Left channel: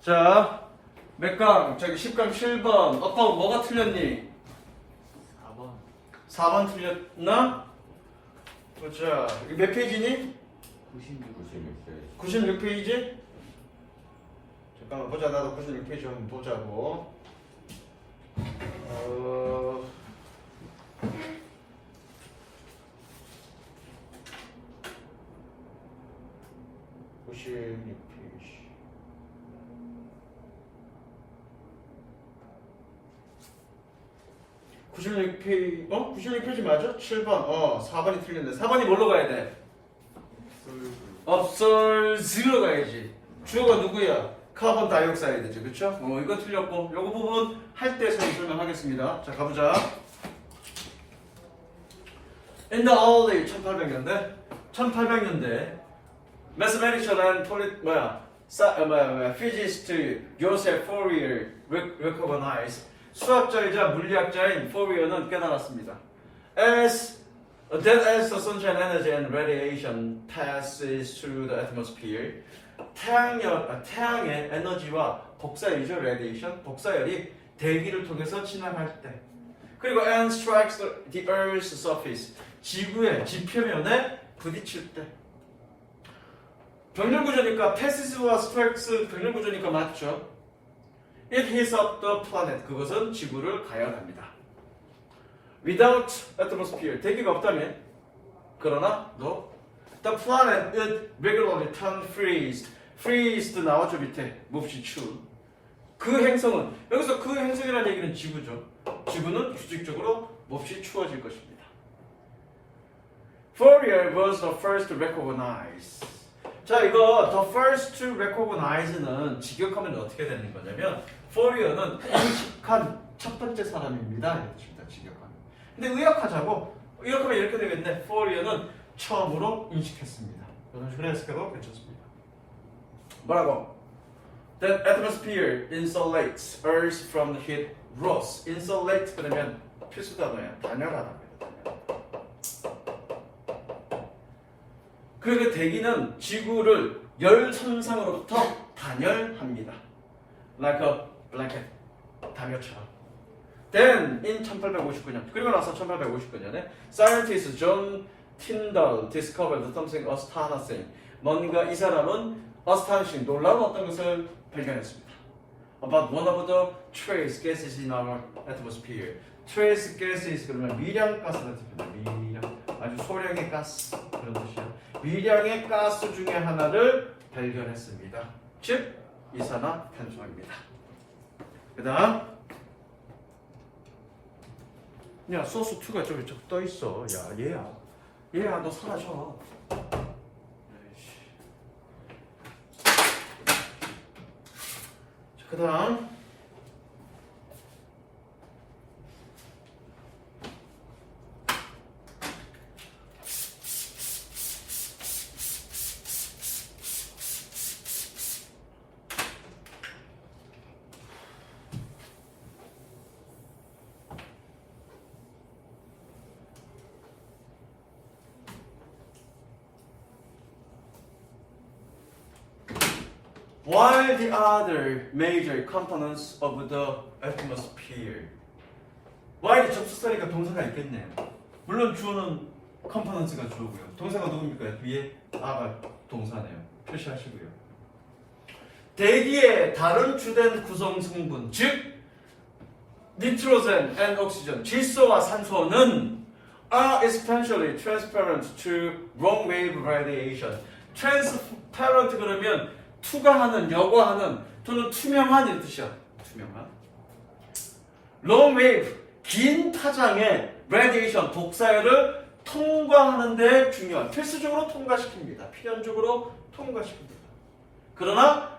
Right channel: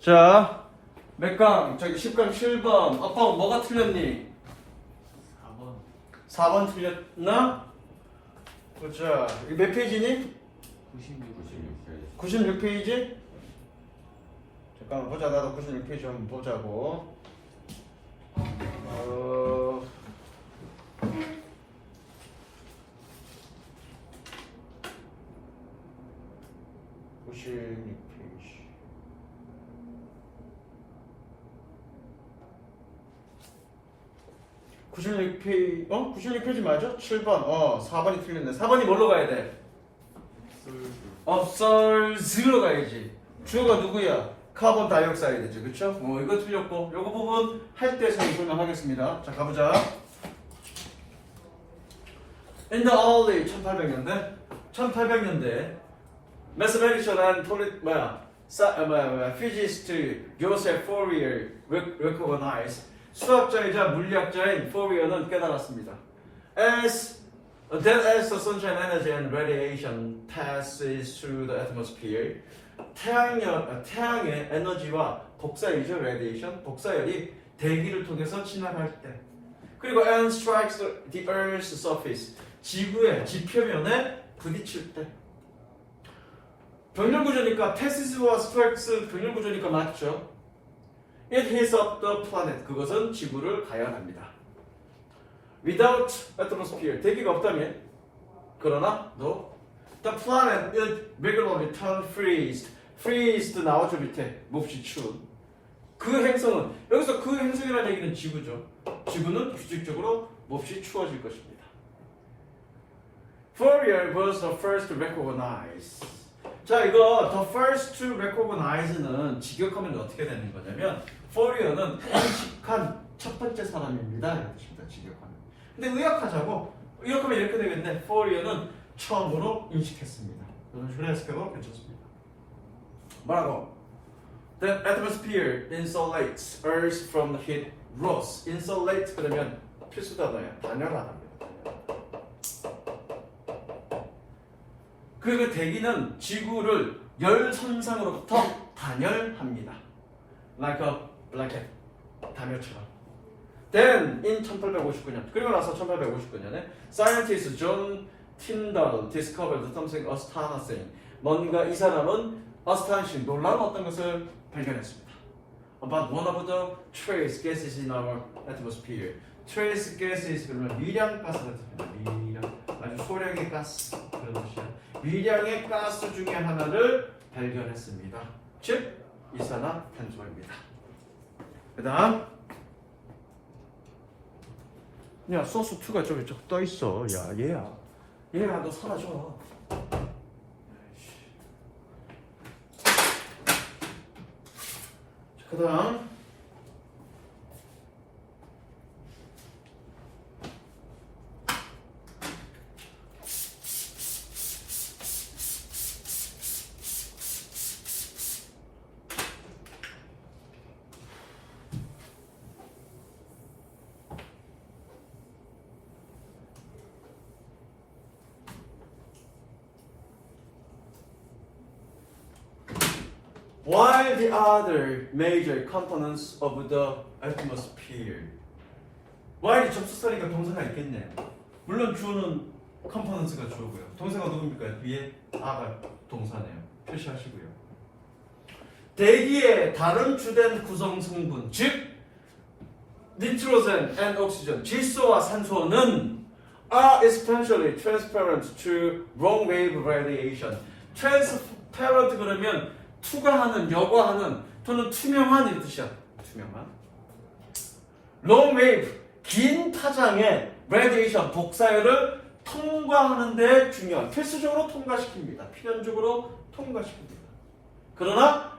자, 몇 강? 저기 10강 7번. 아빠 뭐가 틀렸니? 4번. 4번 틀렸나? 보자. 이 몇 페이지니? 96페이지? 잠깐만 보자. 나도 96페이지 한번 보자고. 96페이지. 96페이지, 96페이지 맞아? 7번. 4번이 틀렸네. 4번이 뭘로 가야 돼? observe로 가야지. 주어가 누구야? 카본 다이옥사이드지, 그쵸? 이거 틀렸고, 요거 부분 할 때 설명하겠습니다. 자, 가보자. In the early 1800년대, mathematician and physicist Joseph Fourier recognized 수학자이자 물리학자인 Fourier는 깨달았습니다. As the sunshine energy and radiation passes through the atmosphere, 태양의 에너지와 복사열이죠, radiation, 복사열이 대기를 통해서 진화할 때, 그리고 and strikes the Earth's surface, 지구의 지표면에 부딪힐 때. 병렬구조니까 passes와 strikes 병렬구조니까 맞죠? It hits up the planet, 그것은 지구를 가열합니다. Without atmosphere, 대기가 없다면, 그러나 no, the planet would regularly turn freezed. freezed 나오죠 밑에, 몹시 추운. 그 행성은, 여기서 그 행성이라는 얘기는 지구죠. 지구는 규칙적으로 몹시 추워질 것입니다. Fourier was the first to recognize. 자, 이거 the first to recognize는 직역하면 어떻게 되는 거냐면, Fourier는 인식한 첫 번째 사람입니다. 이렇습니다. 직역하면. 근데 의역하자고 이렇게 하면 이렇게 되겠네. Fourier는 처음으로 인식했습니다. 이런 식으로 해석해도 괜찮습니다. 뭐라고? That atmosphere insulates Earth from heat loss. insulate 그러면 필수 단어야. 단열하답니다. 그리고 대기는 지구를 열 손상으로부터 단열합니다. Like a blanket. 단열처럼. Then in 1859년, 그리고 나서 1859년에 scientist John Tyndall discovered something astonishing. 뭔가 이 사람은 astonishing, 놀라운 어떤 것을 발견했습니다. About one of the trace gases in our atmosphere. trace gases 그러면 미량 가스가 됩니다. 미량, 아주 소량의 가스 그런 뜻이야. 미량의 가스 중에 하나를 발견했습니다. 즉 이산화탄소입니다. 그다음. 야, 소스 2가 저기 떠 있어. 야, 얘야, 너 사라져. 그 다음. While the other major components of the atmosphere. while 접속사니까 동사가 있겠네. 물론 주어는 components가 주어고요. 동사가 누굽니까? 위에 아가 동사네요. 표시하시고요. 대기의 다른 주된 구성 성분, 즉 nitrogen and oxygen, 질소와 산소는 are essentially transparent to long wave radiation. transparent 그러면 투과하는, 여과하는, 또는 투명한 이 뜻이야. 투명한. long wave, 긴 파장의 radiation, 복사열을 통과하는 데 중요한, 필수적으로 통과시킵니다. 필연적으로 통과시킵니다. 그러나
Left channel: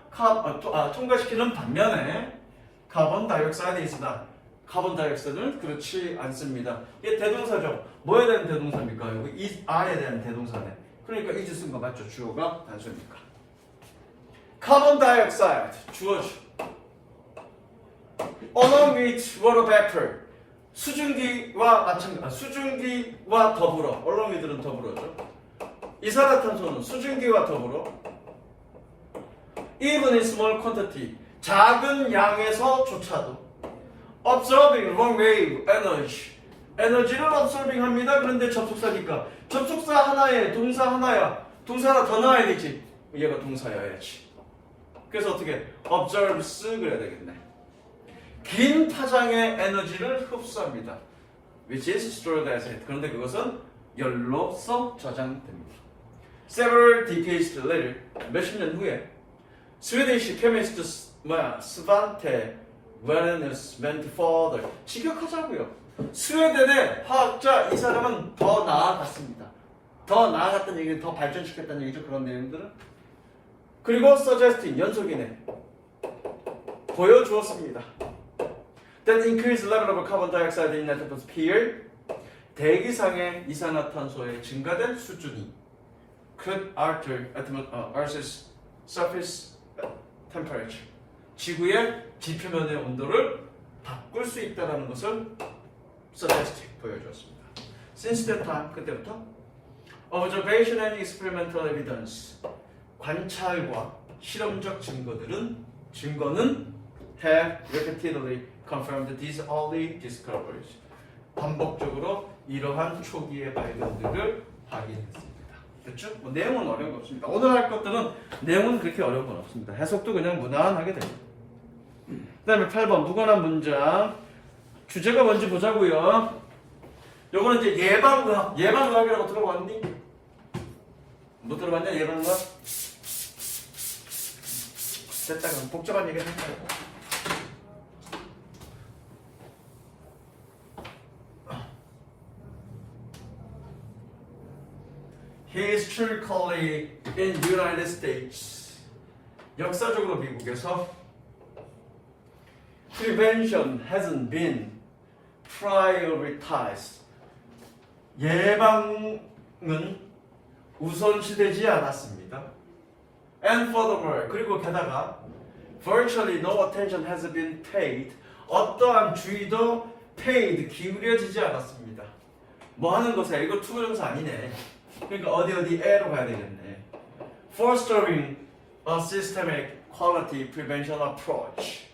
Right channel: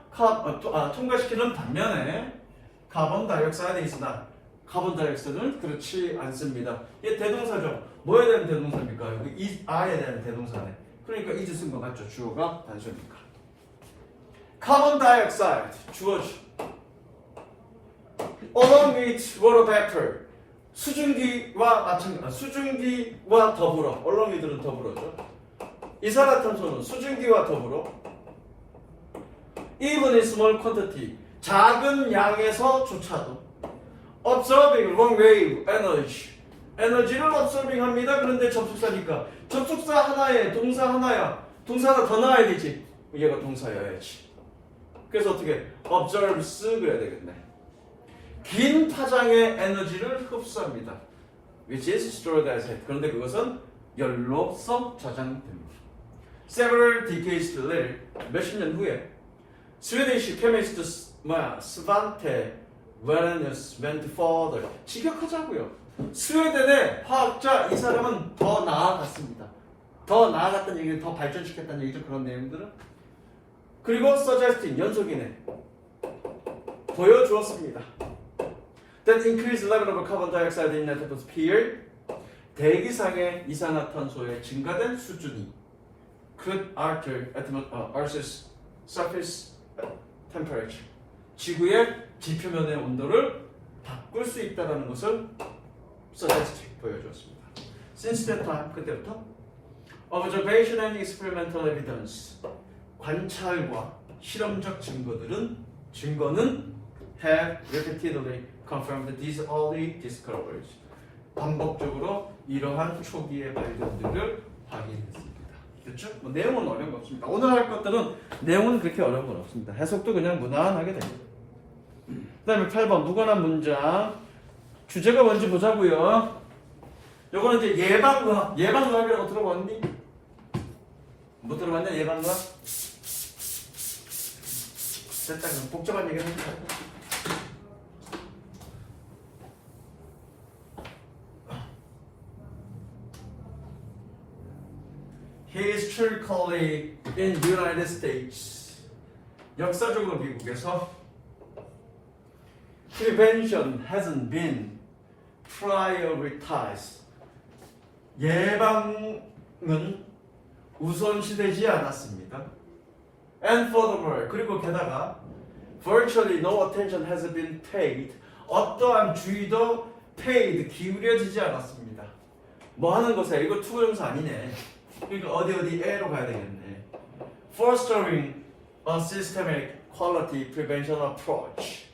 통과시키는 반면에 카본 다이옥사이드이스다. 카본 다이옥사이드는 그렇지 않습니다. 이게 대동사죠. 뭐에 대한 대동사입니까? 여기 아에 대한 대동사네. 그러니까 is 쓴 거 맞죠? 주어가 단수니까. 카본 다이옥사이드 주어죠. along with water vapor, 수증기와 더불어, along with는 더불어죠. 이산화탄소는 수증기와 더불어 even in small quantity, 작은 양에서조차도 observing wrong wave energy 에너지를 observing 합니다. 그런데 접속사니까 접속사 하나에 동사 하나야. 동사 하나 더 나와야 되지. 얘가 동사여야지. 그래서 어떻게 observes 그래야 되겠네. 긴 파장의 에너지를 흡수합니다. which is stored as heat. 그런데 그것은 열로서 저장됩니다. Several decades later, 몇십 년 후에 Swedish chemist Svante Wallenius went further. 직역하자고요. 스웨덴의 화학자 이 사람은 더 나아갔습니다. 더 나아갔다는 얘기는 더 발전시켰다는 얘기죠. 그런 내용들은. 그리고 suggesting 연속이네. 보여주었습니다. That increased level of carbon dioxide in the atmosphere 대기상의 이산화탄소의 증가된 수준이 could alter Earth's surface temperature 지구의 지표면의 온도를 바꿀 수 있다는 것을 suggesting 보여주었습니다. Since that time 그때부터 observation and experimental evidence 관찰과 실험적 증거는 have repeatedly confirmed these early discoveries. 반복적으로 이러한 초기의 발견들을 확인했습니다. 됐죠? 뭐 내용은 어려운 거 없습니다. 오늘 할 것들은 내용은 그렇게 어려운 건 없습니다. 해석도 그냥 무난하게 됩니다. 그 다음에 8번 무관한 문장. 주제가 뭔지 보자고요. 요거는 이제 예방의학이라고 들어봤니? 못 들어봤냐? 예방의학? 됐다. 그럼 복잡한 얘기를 해볼까요? Historically in United States 역사적으로 미국에서 prevention hasn't been prioritized 예방은 우선시되지 않았습니다. And furthermore 그리고 게다가 virtually no attention has been paid 어떠한 주의도 paid 기울여지지 않았습니다. 뭐 하는 것이야? 이거 투부정사 아니네. 그러니까 어디에로 가야 되겠네. Fostering a systemic quality prevention approach.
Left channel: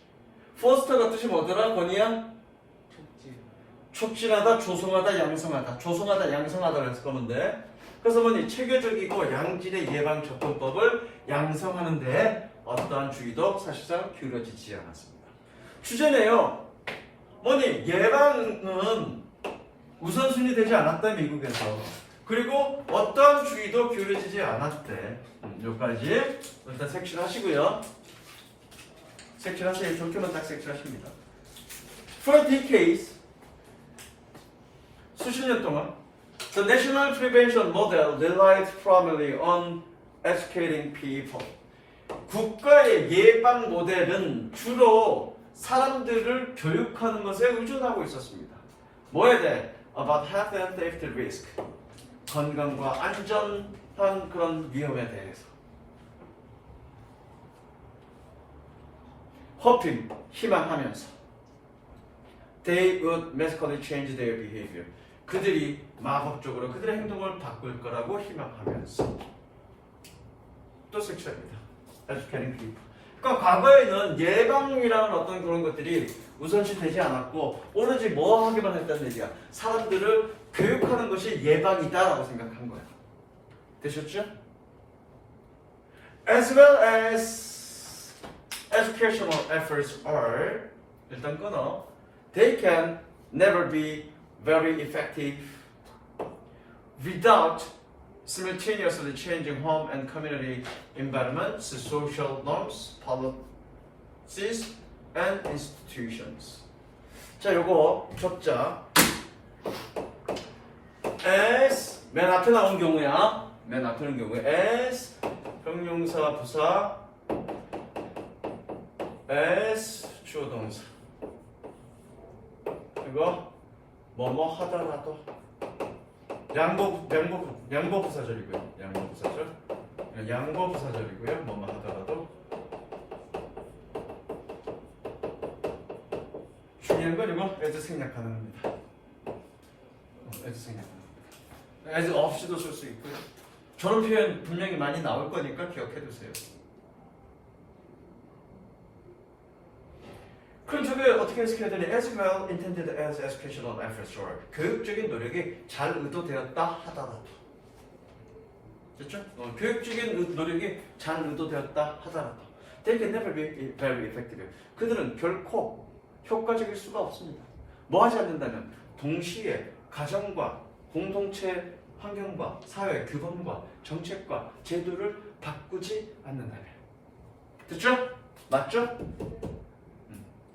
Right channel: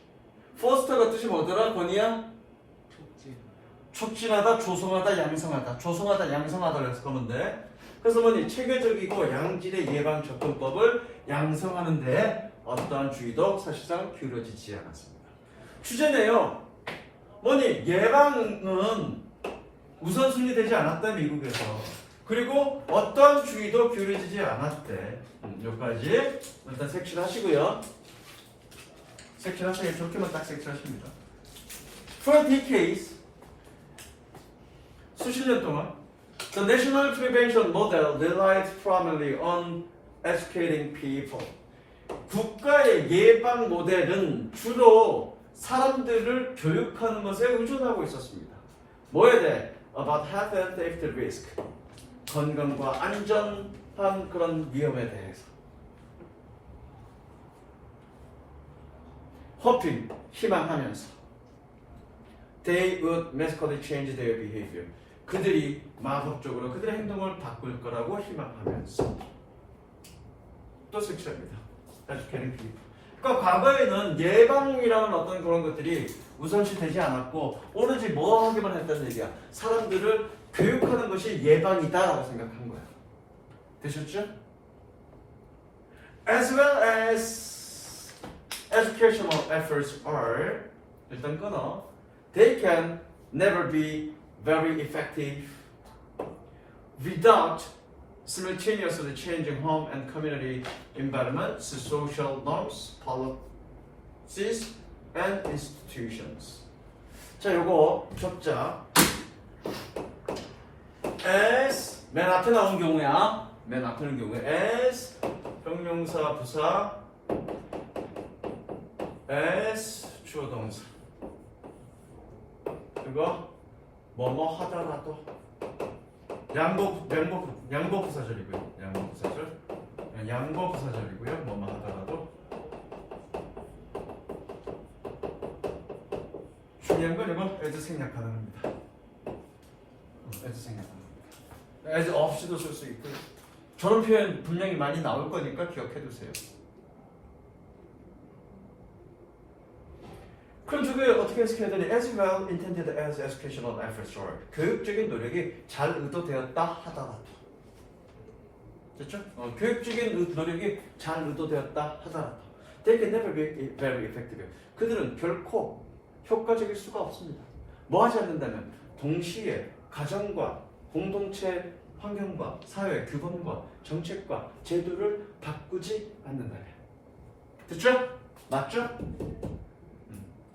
Foster가 뜻이 뭐더라, 권이야? 촉진하다, 조성하다, 양성하다. 조성하다, 양성하다 그래서 그러면 돼. 그래서 뭐니 체계적이고 양질의 예방 접근법을 양성하는데 어떠한 주의도 사실상 기울여지지 않았습니다. 주제네요. 뭐니 예방은 우선순위 되지 않았다 미국에서. 그리고 어떤 주의도 기울여지지 않았대. 여기까지 일단 색칠 하시고요. 색칠 하세요. 좋게만 딱 색칠하십니다. For decades 수십 년 동안 the national prevention model relied primarily on educating people. 국가의 예방 모델은 주로 사람들을 교육하는 것에 의존하고 있었습니다. 뭐에 대해? About health and safety risk. 건강과 안전한 그런 위험에 대해서. hoping, 희망하면서. They would magically change their behavior. 그들이 마법적으로 그들의 행동을 바꿀 거라고 희망하면서. 또 색칠합니다. Educating people. 그러니까 과거에는 예방이라는 어떤 그런 것들이 우선시 되지 않았고 오로지 뭐 하기만 했다는 얘기야. 사람들을 교육하는 것이 예방이다라고 생각한 거야. 되셨죠? As well as educational efforts are 일단 끊어. They can never be very effective without simultaneously changing home and community environments, social norms, policies, and institutions. 자, 요거 적자. as 맨 앞에 나온 경우야. 맨 앞에 나온 경우에 as 형용사 부사 as 주어 동사. 그리고 뭐뭐 하더라도 양보 부사절이고요. 양보 부사절이고요. 뭐뭐 하더라도 중요한 건 이거 as 생략하는 겁니다. as 생략하는 겁니다. as 없이도 쓸 수 있고 저런 표현 분명히 많이 나올 거니까 기억해 두세요. 그럼 저게 어떻게 해석해야 되니? As well intended as educational efforts are. 교육적인 노력이 잘 의도되었다 하더라도. 됐죠? 교육적인 노력이 잘 의도되었다 하더라도. They can never be very effective. 그들은 결코 효과적일 수가 없습니다. 뭐 하지 않는다면 동시에 가정과 공동체 환경과 사회 규범과 정책과 제도를 바꾸지 않는다면. 됐죠? 맞죠?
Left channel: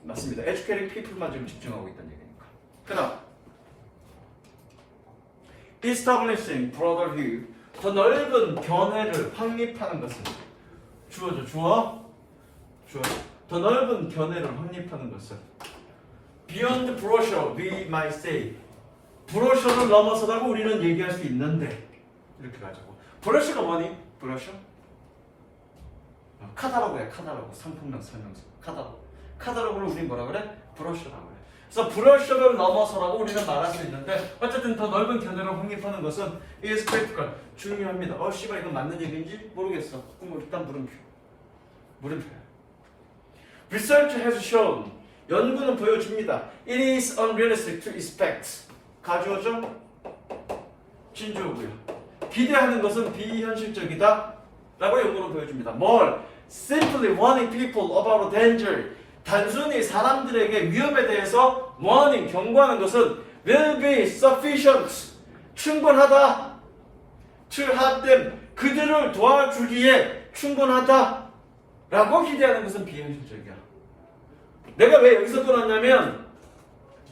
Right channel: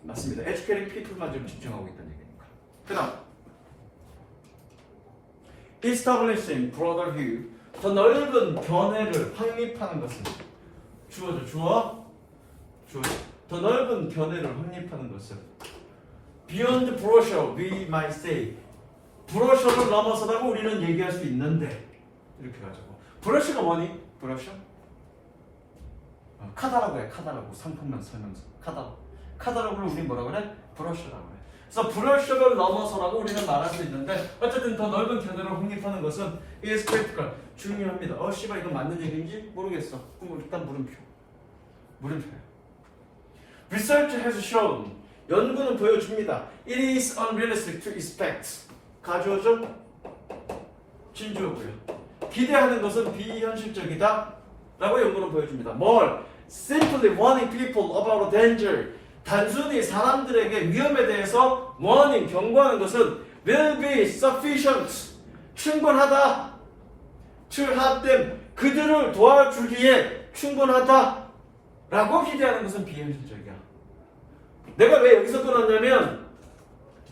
맞습니다. Educating people만 좀 집중하고 있다는 얘기니까. 그 다음 Establishing broader view. 더 넓은 견해를 확립하는 것은 주어. 더 넓은 견해를 확립하는 것은 Beyond brochure, we might say. 브로셔를 넘어서다고 우리는 얘기할 수 있는데 이렇게 가지고. 브로셔가 뭐니? 브로셔? 카다로그 해. 카다로그. 상품명 설명서. 카다로그를 우리 뭐라 그래? 브로셔라고 그래. 그래서 브로셔를 넘어서라고 우리는 말할 수 있는데 어쨌든 더 넓은 견해를 확립하는 것은 is critical. 중요합니다. 씨발 이건 맞는 얘기인지 모르겠어. 그럼 일단 물음표. Research has shown. 연구는 보여줍니다. It is unrealistic to expect. 가주어죠? 진주어고요. 기대하는 것은 비현실적이다 라고 연구는 보여줍니다. 뭘? Simply warning people about danger. 단순히 사람들에게 위험에 대해서 warning, 경고하는 것은 will be sufficient. 충분하다. To help them. 그들을 도와주기에 충분하다 라고 기대하는 것은 비현실적이야. 내가 왜 여기서 끊었냐면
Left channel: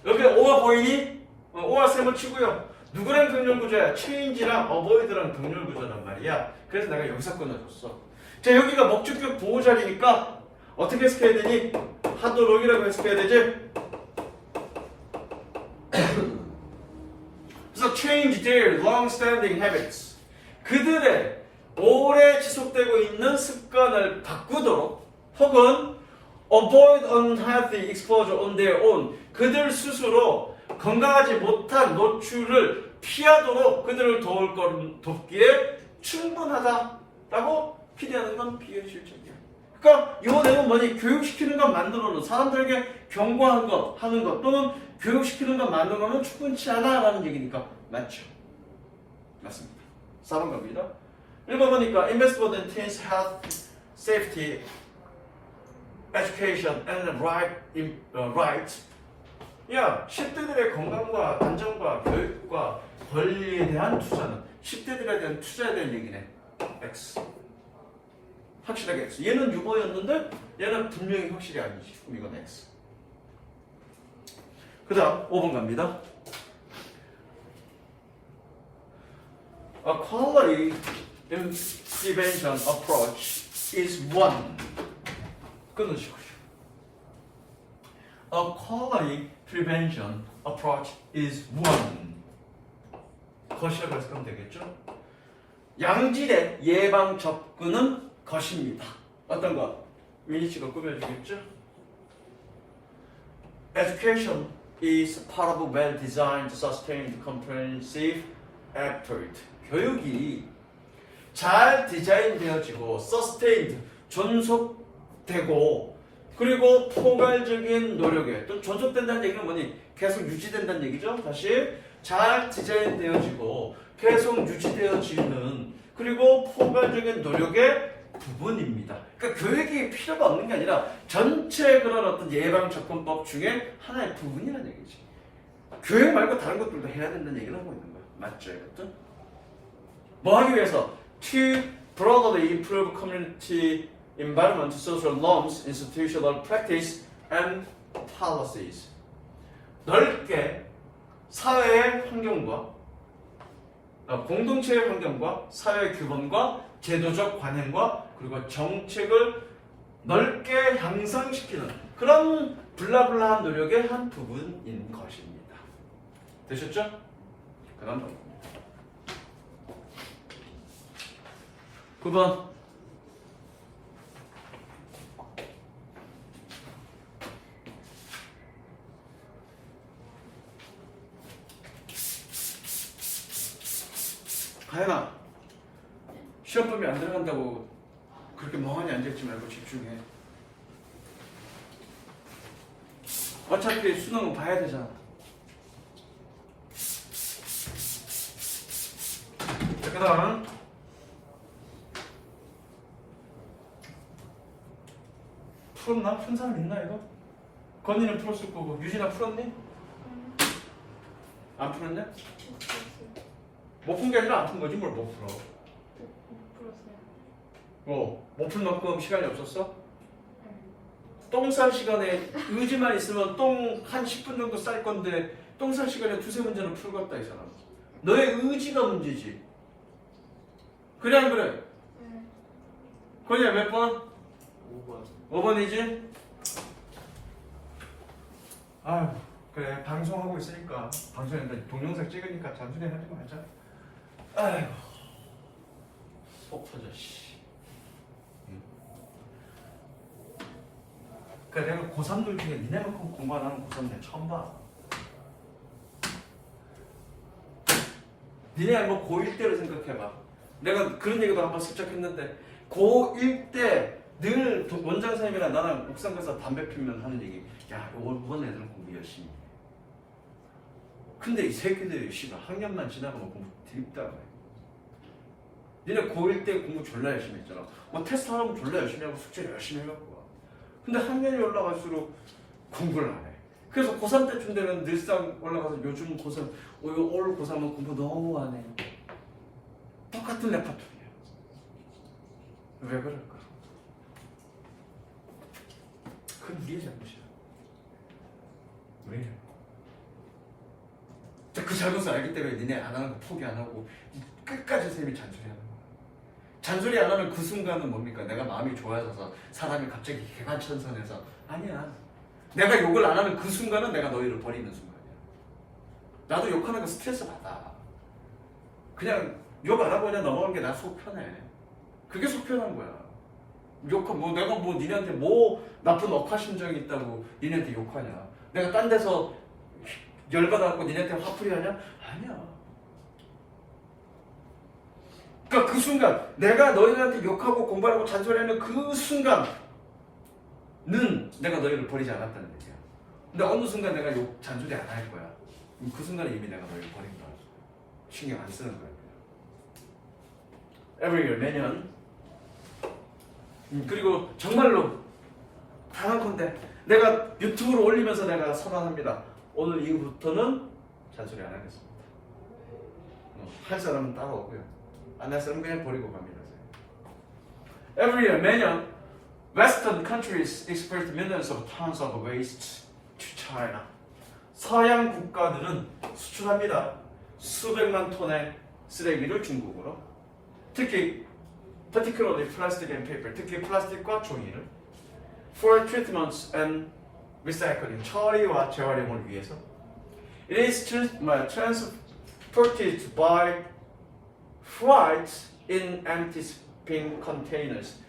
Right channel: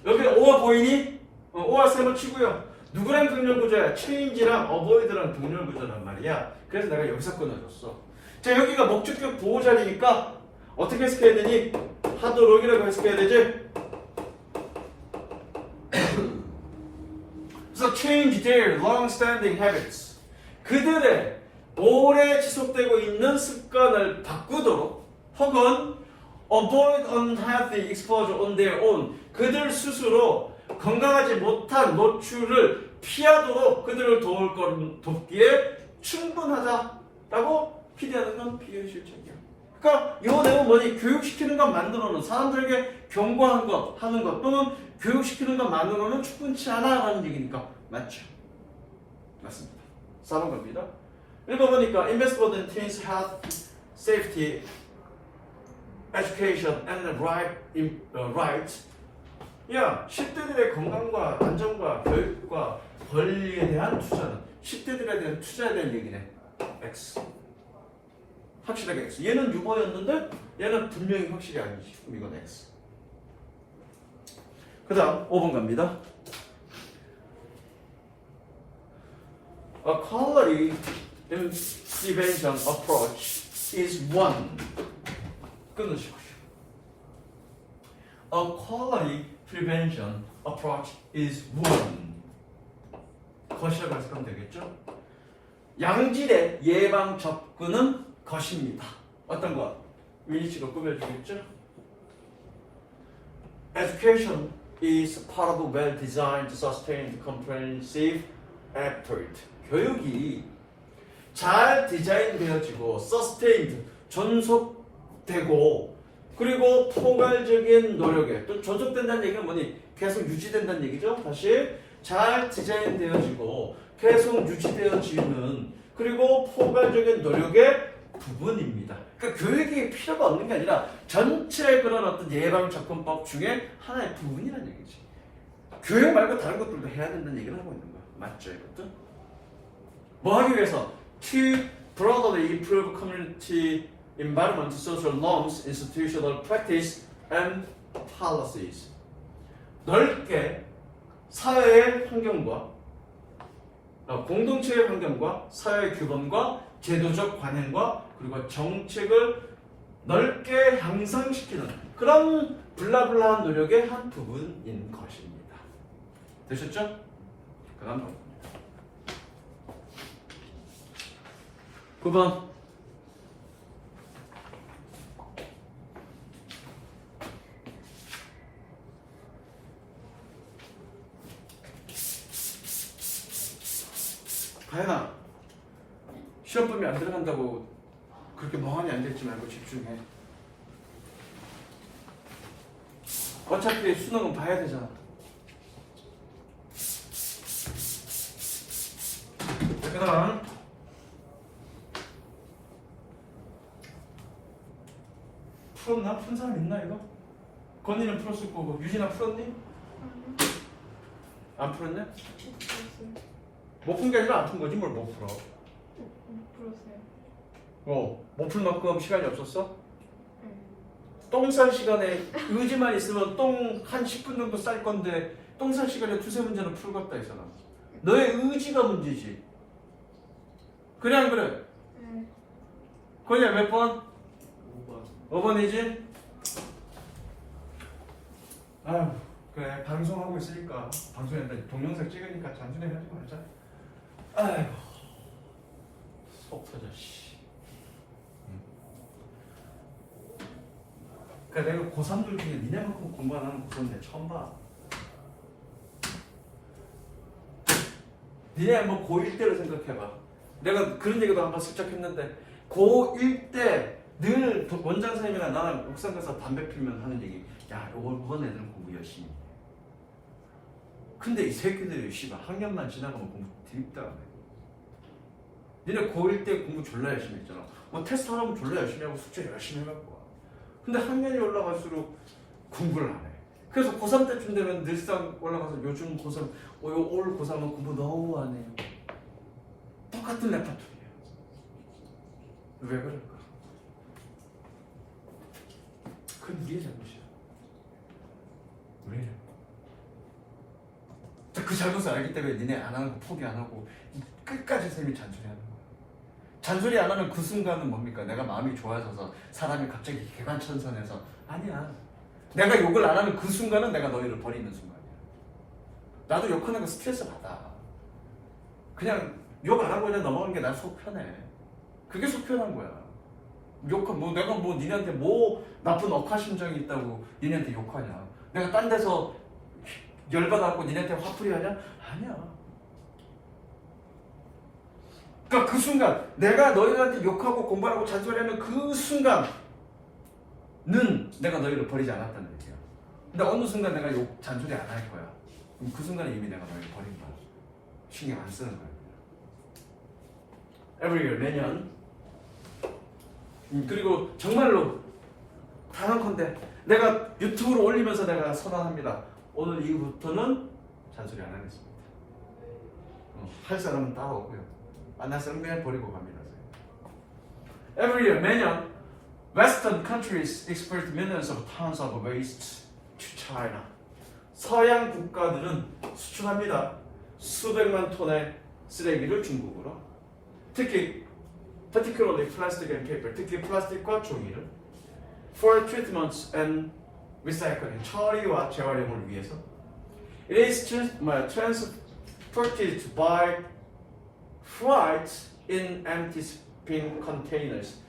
여기 or 보이니? or 셈을 치고요. 누구랑 등렬구조야? change랑 avoid랑 등렬구조란 말이야. 그래서 내가 여기서 끊어줬어. 자, 여기가 목적격 보호 자리니까 어떻게 해석해야 되니? 하도록이라고 해석해야 되지? 그래서 change their long-standing habits. 그들의 오래 지속되고 있는 습관을 바꾸도록 혹은 avoid unhealthy exposure on their own. 그들 스스로 건강하지 못한 노출을 피하도록 그들을 돕기에 충분하다라고 기대하는 건 비현실적이야. 그러니까 이 내용은 뭐니? 교육시키는 것 만들어놓은 사람들에게 경고하는 것, 하는 것 또는 교육시키는 것 만들어놓은 충분치 않아라는 얘기니까 맞죠? 맞습니다. 4번 갑니다. 읽어보니까 Investment in Teens Health, Safety, Education and Right. 야, 10대들의 건강과 안전과 교육과 권리에 대한 투자는 10대들에 대한 투자에 대한 얘기네. X. 확실하게 X. 얘는 유머였는데 얘는 분명히 확실히 아니지. 그럼 이건 X. 그 다음 5번 갑니다. A quality intervention approach is one. 끊으시고요. A quality prevention approach is one. 것이라고 해석하면 되겠죠? 양질의 예방 접근은 것입니다. 어떤 거? 위니치가 꾸며주겠죠? Education is part of a well-designed, sustained, comprehensive effort. 교육이 잘 디자인되어지고 sustained, 존속되고 그리고 포괄적인 노력에 또 존속된다는 얘기는 뭐니? 계속 유지된다는 얘기죠. 다시 잘 디자인되어지고 계속 유지되어지는 그리고 포괄적인 노력의 부분입니다. 그러니까 교육이 필요가 없는 게 아니라 전체 그런 어떤 예방 접근법 중에 하나의 부분이라는 얘기지. 교육 말고 다른 것들도 해야 된다는 얘기를 하고 있는 거야. 맞죠, 이것도? 뭐 하기 위해서? To broadly improve community environment, social norms, institutional practice, and policies. 넓게 사회의 환경과 공동체의 환경과 사회 규범과 제도적 관행과 그리고 정책을 넓게 향상시키는 그런 블라블라한 노력의 한 부분인 것입니다. 되셨죠? 그럼 9번 가연아, 시험범위 안 들어간다고 그렇게 멍하니 앉아있지 말고 집중해. 어차피 수능은 봐야 되잖아. 자, 그 다음 풀었나? 푼 사람 있나 이거? 건이는 풀었을 거고 유진아 풀었니? 안 풀었냐? 못 푼 게 아니라 안 푼 거지 뭘 못 풀어. 못 풀 만큼 시간이 없었어? 똥 쌀 시간에 의지만 있으면 똥 한 10분 정도 쌀 건데 똥 쌀 시간에 두세 문제는 풀겠다 이 사람. 너의 의지가 문제지. 그래 안 그래? 건이야 몇 번? 5번. 5번이지? 아유 그래 방송하고 있으니까 방송인데 동영상 찍으니까 잠시만 하지 말자. 아이고 속 터져 씨. 그러니까 내가 고3들 중에 니네만큼 공부 안 하는 고3 내 처음 봐. 니네 뭐 고1 때로 생각해봐. 내가 그런 얘기도 한번 슬쩍 했는데 고1 때 늘 원장 선생님이랑 나랑 옥상 가서 담배 피면 하는 얘기. 야, 이번 애들은 공부 열심히 해. 근데 이 새끼들이 씨발 학년만 지나가면 공부 드립다. 니네 고1 때 공부 졸라 열심히 했잖아. 뭐 테스트 하면 졸라 열심히 하고 숙제 열심히 해갖고 와. 근데 학년이 올라갈수록 공부를 안 해. 그래서 고3 때쯤 되면 늘상 올라가서 요즘 고3, 올 고3은 공부 너무 안 해요. 똑같은 레파토리야. 왜 그럴까? 그건 니의 잘못이야. 왜? 그 잘못을 알기 때문에 니네 안 하는 거 포기 안 하고 끝까지 쌤이 잔소리하는 거야. 잔소리 안 하면 그 순간은 뭡니까? 내가 마음이 좋아져서 사람이 갑자기 개간천선해서 아니야. 내가 욕을 안 하면 그 순간은 내가 너희를 버리는 순간이야. 나도 욕하는 거 스트레스 받아. 그냥 욕 안 하고 그냥 넘어가는 게 나 속 편해. 그게 속 편한 거야. 뭐 내가 뭐 니네한테 뭐 나쁜 억하심정이 있다고 니네한테 욕하냐? 내가 딴 데서 열받아갖고 니네한테 화풀이 하냐? 아니야. 그러니까 그 순간 내가 너희들한테 욕하고 공부하고 잔소리하는 그 순간은 내가 너희를 버리지 않았다는 얘기야. 근데 어느 순간 내가 욕 잔소리 안 할 거야. 그럼 그 순간에 이미 내가 너희를 버린 거야. 신경 안 쓰는 거야. Every year 매년. 그리고 정말로 단언컨대 내가 유튜브로 올리면서 내가 선언합니다. 오늘 이후부터는 잔소리 안 하겠습니다. 할 사람은 따라오고요. 안 할 사람은 그냥 버리고 갑니다. Every year 매년 Western countries export millions of tons of waste to China. 서양 국가들은 수출합니다. 수백만 톤의 쓰레기를 중국으로. 특히 particularly plastic and paper, 특히 플라스틱과 종이를 for treatments and recycling, 처리와 재활용을 위해서. It is transported by freight in empty shipping containers.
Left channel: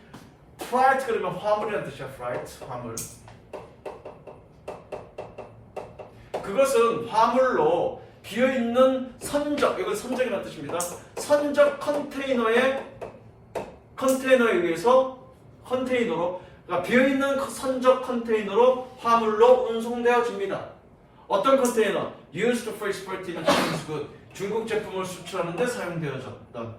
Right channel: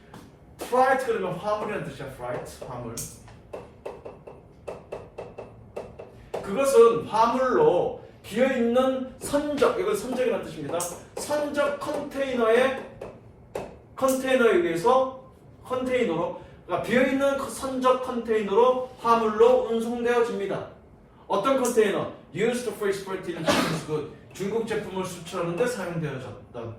freight 그러면 화물이라는 뜻이야. freight, 화물. 그것은 화물로 비어있는 선적, 이건 선적이라는 뜻입니다. 선적 컨테이너에 의해서 컨테이너로, 그러니까 비어있는 선적 컨테이너로 화물로 운송되어집니다. 어떤 컨테이너? Used for exporting Chinese goods. 중국 제품을 수출하는데 사용되어졌던.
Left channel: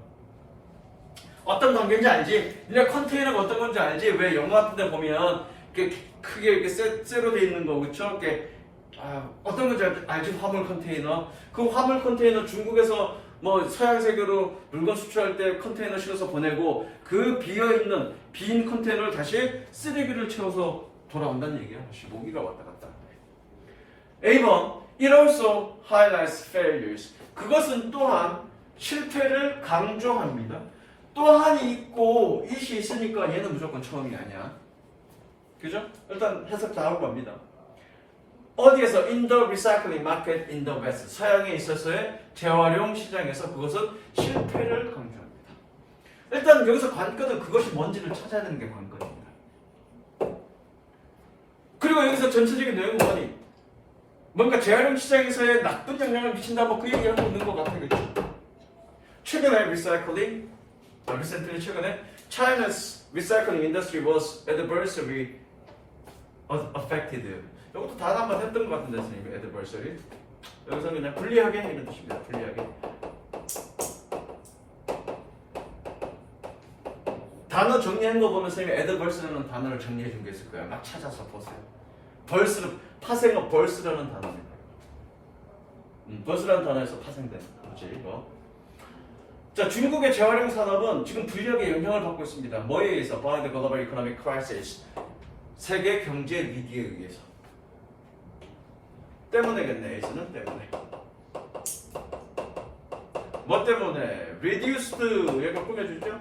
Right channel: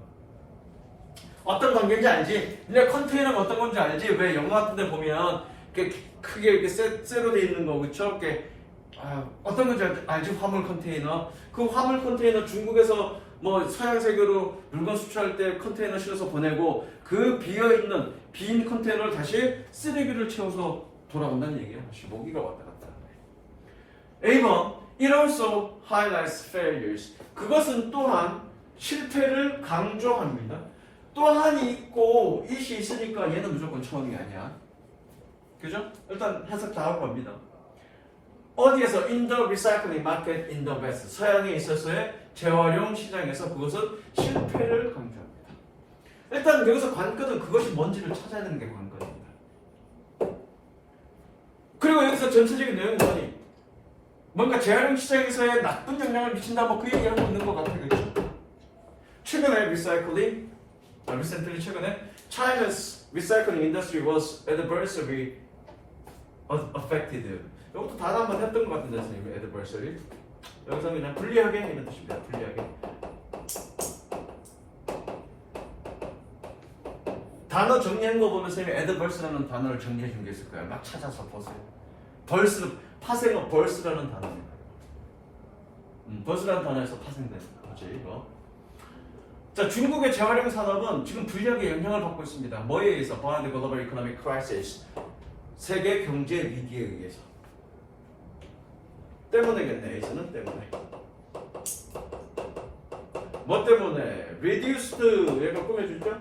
어떤 관계인지 알지? 니네 컨테이너가 어떤 건지 알지? 왜 영화 같은 데 보면 크게 이렇게 쇠로 돼 있는 거, 그쵸? 어떤 건지 알지? 화물 컨테이너. 그 화물 컨테이너 중국에서 뭐 서양 세계로 물건 수출할 때 컨테이너 실어서 보내고 그 비어있는 빈 컨테이너를 다시 쓰레기를 채워서 돌아온다는 얘기야. 모기가 왔다 갔다. A번, it also highlights failures. 그것은 또한 실패를 강조합니다. 또한이 있고 it이 있으니까 얘는 무조건 처음이 아니야. 그죠? 일단 해석 다 하고 갑니다. 어디에서? In the recycling market in the West. 서양에 있어서의 재활용 시장에서 그것은 실패를 강조합니다. 일단 여기서 관건은 그것이 뭔지를 찾아야 되는 게 관건입니다. 그리고 여기서 전체적인 내용은 뭐니? 뭔가 재활용 시장에서의 나쁜 영향을 미친다 뭐 그 얘기를 하고 있는 것 같아요. 그렇죠? 최근에 recently China's recycling industry was adversely affected. 이것도 다 한번 했던 것 같은데 선생님. adversary. 여기서 그냥 불리하게 이런 뜻입니다. 불리하게. 단어 정리한 거 보면 선생님 adverse라는 단어를 정리해 준 게 있을 거예요. 막 찾아서 보세요. 벌스는 파생어 벌스라는 단어입니다. 벌스라는 단어에서 파생된 거지 이거. 자, 중국의 재활용 산업은 지금 불리하게 영향을 받고 있습니다. 뭐에 의해서? by the global economic crisis. 세계 경제 위기에 의해서. 때문에겠네. 에서는 때문에. 뭐 때문에? reduced 얘가 꾸며주죠.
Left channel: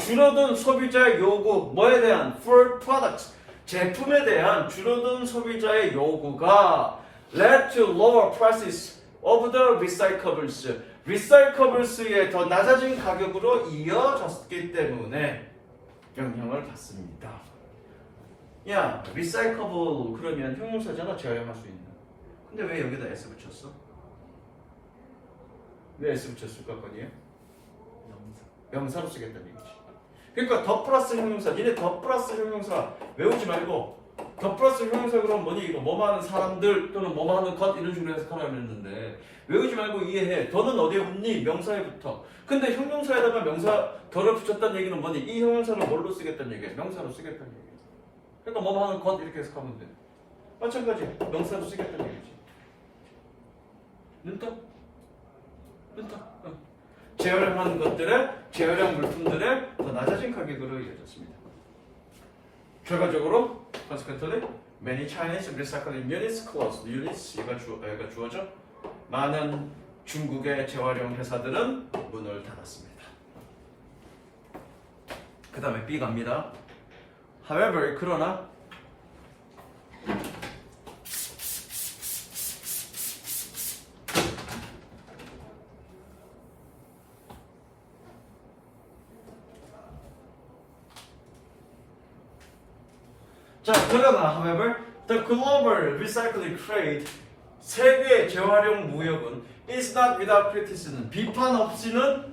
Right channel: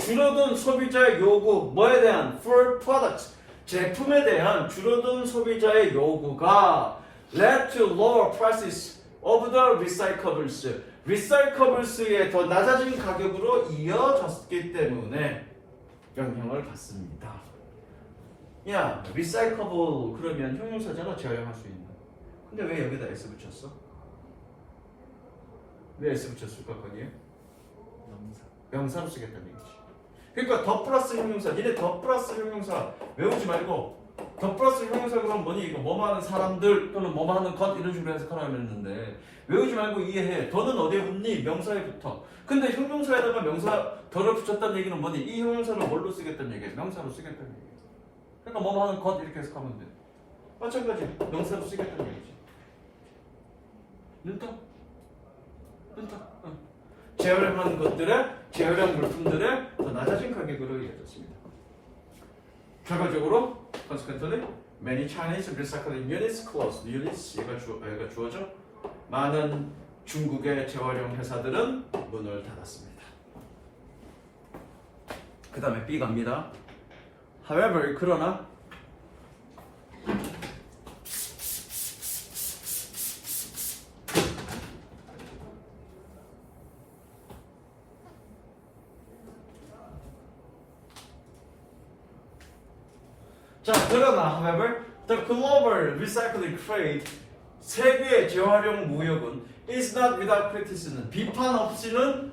줄어든 소비자의 요구. 뭐에 대한? for products. 제품에 대한 줄어든 소비자의 요구가 led to lower prices of the recyclables. 리사이커블스의 더 낮아진 가격으로 이어졌기 때문에 영향을 받습니다. 야, 리사이커블 그러면 형용사잖아. 재활용할 수 있는. 근데 왜 여기다 S 붙였어? 왜 S 붙였을까? 거기에? 명사로 쓰겠다는 얘기지. 그러니까 더 플러스 형용사. 니네 더 플러스 형용사 외우지 말고 더 플러스 형용사 그러면 뭐니? 이거 뭐뭐 하는 사람들 또는 뭐뭐 하는 것 이런 식으로 해석하라고 했는데 외우지 말고 이해해. 더는 어디에 붙니? 명사에 붙어. 근데 형용사에다가 명사 더를 붙였다는 얘기는 뭐니? 이 형용사를 뭘로 쓰겠다는 얘기야? 명사로 쓰겠다는 얘기야. 그러니까 뭐뭐 하는 것 이렇게 해석하면 돼. 마찬가지 명사로 쓰겠다는 얘기지. 눈떠? 눈떠? 재활용한 것들의 재활용 물품들의 더 낮아진 가격으로 이어졌습니다. 결과적으로 consequently many Chinese recycling units closed. units 얘가 주어져. 많은 중국의 재활용 회사들은 문을 닫았습니다. 그 다음에 B 갑니다. However, 그러나 자, 그러나 however, the global recycling trade 세계 재활용 무역은 is not without criticism. 비판 없이는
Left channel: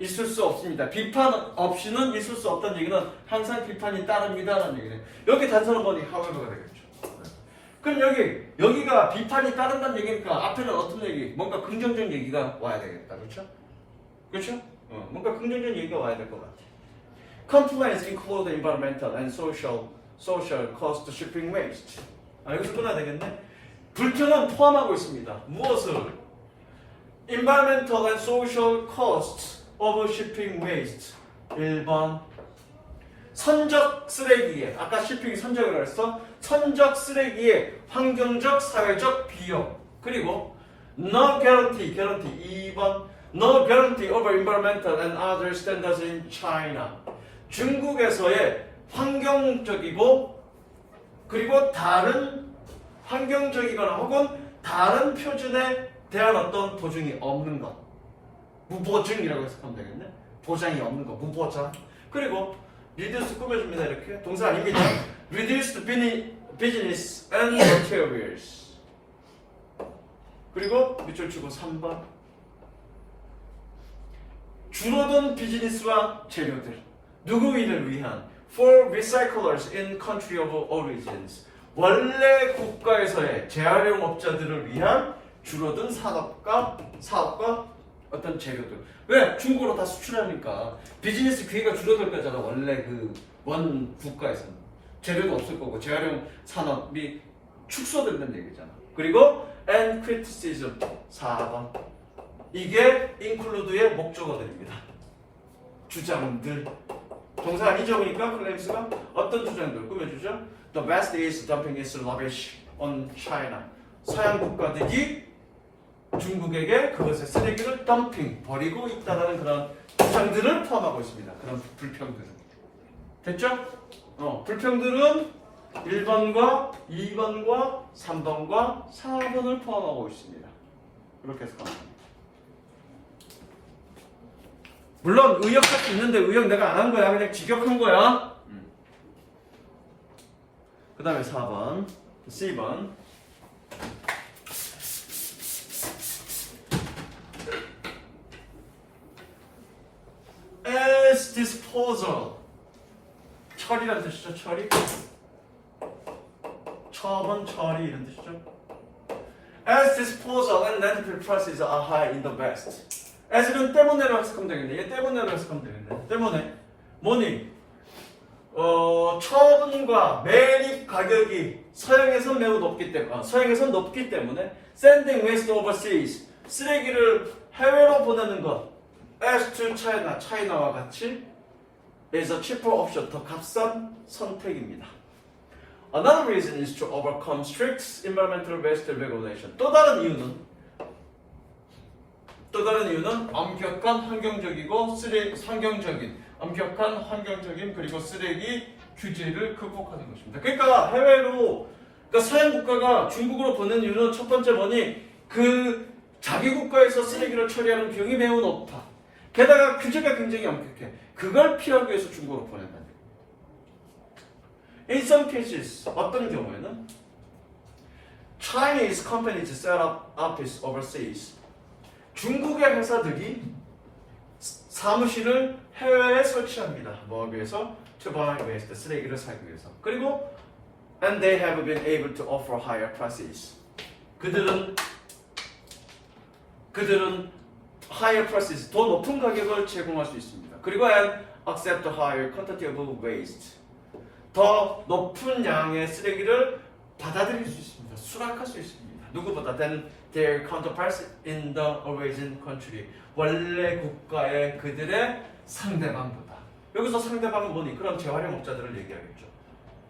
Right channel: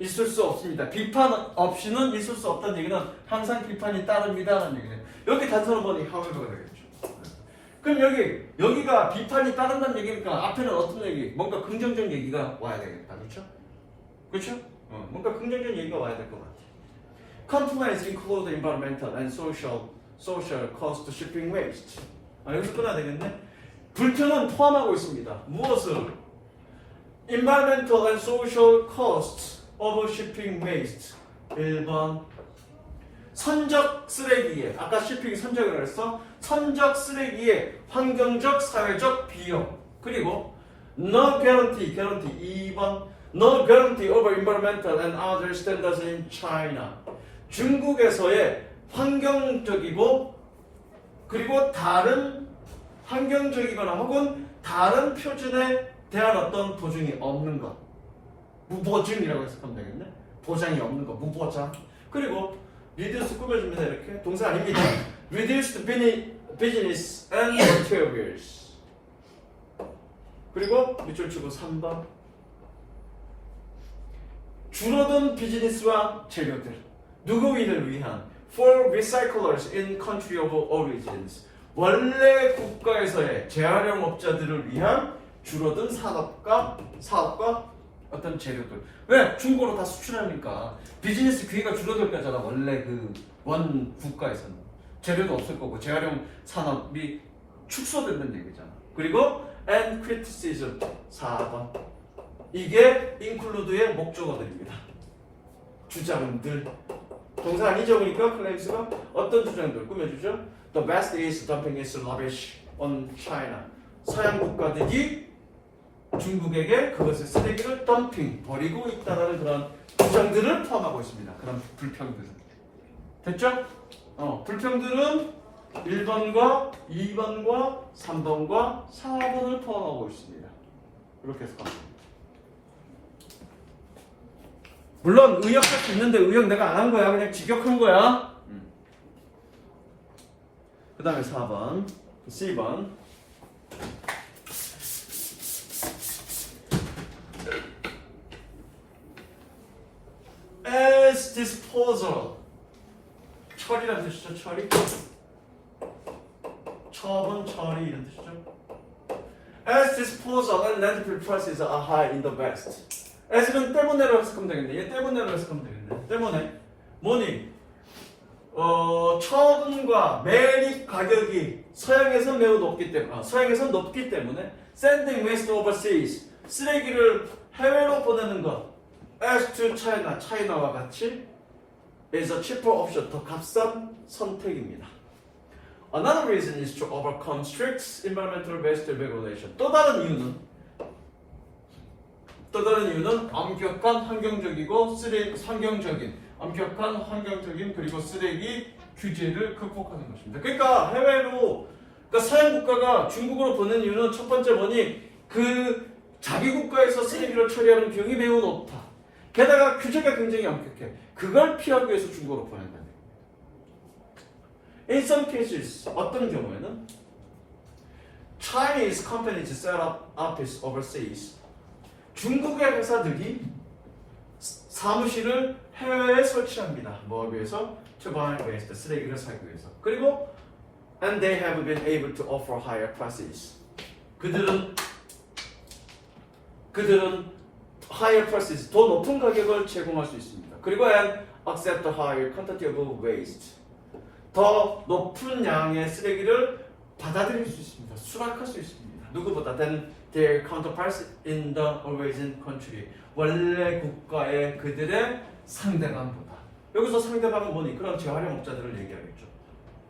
있을 수 없습니다. 비판 없이는 있을 수 없다는 얘기는 항상 비판이 따릅니다라는 얘기네. 여기 단서는 뭐니? however가 되겠죠. 그럼 여기가 비판이 따른다는 얘기니까 앞에는 어떤 얘기? 뭔가 긍정적인 얘기가 와야 되겠다. 그렇죠? 그렇죠? 뭔가 긍정적인 얘기가 와야 될 것 같아. Complaints include environmental and social cost shipping waste. 여기서 끊어야 되겠네. 불평은 포함하고 있습니다. 무엇을? Environmental and social costs of shipping waste. 1번 선적 쓰레기에 아까 shipping 선적이라고 했어. 선적 쓰레기의 환경적 사회적 비용. 그리고 no guarantee 2번 no guarantee over environmental and other standards in China. 중국에서의 환경적이고 그리고 다른 환경적이거나 혹은 다른 표준에 대한 어떤 보증이 없는 것. 무보증이라고 해석하면 되겠네. 보장이 없는 것. 무보장. 그리고 reduce 꾸며줍니다. 이렇게. 동사 아닙니다. reduced business and materials. 그리고 밑줄 치고 3번. 줄어든 비즈니스와 재료들. 누구인을 위한 for recyclers in country of origins. 원래 국가에서의 재활용업자들을 위한 줄어든 사업과 어떤 재료들. 왜? 중국으로 다 수출하니까 비즈니스 기회가 줄어들 거잖아. 원래 그 원 국가에서는 재료도 없을 거고 재활용 산업이 축소된다는 얘기잖아. 그리고 and criticism 4번. 이게 include의 목적어들입니다. 주장들. 동사 아니죠? 그러니까 클레임스가 어떤 주장들 꾸며주죠? The West is dumping its rubbish on China. 서양 국가들이 중국에게 그것의 쓰레기를 덤핑, 버리고 있다는 그런 주장들을 포함하고 있습니다. 그런 불평들은. 됐죠? 불평들은 1번과 2번과 3번과 4번을 포함하고 있습니다. 그렇게 해서 갑니다. 물론 의역할 수 있는데 의역 내가 안 한 거야. 그냥 직역한 거야. 그 다음에 4번, C번. As disposal. 처리란 뜻이죠, 처리. 처분, 처리 이런 뜻이죠. As disposal and landfill prices are high in the West. as는 때문에로 해석하면 되겠네. 얘 때문에로 해석하면 되겠네. 때문에 뭐니? 처분과 매립 가격이 서양에선 매우 높기 때문에 서양에선 높기 때문에 sending waste overseas 쓰레기를 해외로 보내는 것 as to China 차이나와 같이 is a cheaper option 더 값싼 선택입니다. Another reason is to overcome strict environmental waste regulation. 또 다른 이유는 엄격한 환경적인 그리고 쓰레기 규제를 극복하는 것입니다. 그러니까 해외로 서양 국가가 중국으로 보낸 이유는 첫 번째 뭐니 그 자기 국가에서 쓰레기를 처리하는 비용이 매우 높다. 게다가 규제가 굉장히 엄격해. 그걸 피하기 위해서 중국으로 보낸다는 거예요. In some cases 어떤 경우에는 Chinese companies set up office overseas. 중국의 회사들이 사무실을 해외에 설치합니다. 뭐 위해서? To buy waste, 쓰레기를 사기 위해서. 그리고 and they have been able to offer higher prices. 그들은 higher prices, 더 높은 가격을 제공할 수 있습니다. 그리고 and accept a higher quantity of waste. 더 높은 양의 쓰레기를 받아들일 수 있습니다. 수락할 수 있습니다. 누구보다 than their counterparts in the origin country. 원래 국가의 그들의 상대방보다. 여기서 상대방은 뭐니? 그럼 재활용업자들을 얘기하겠죠.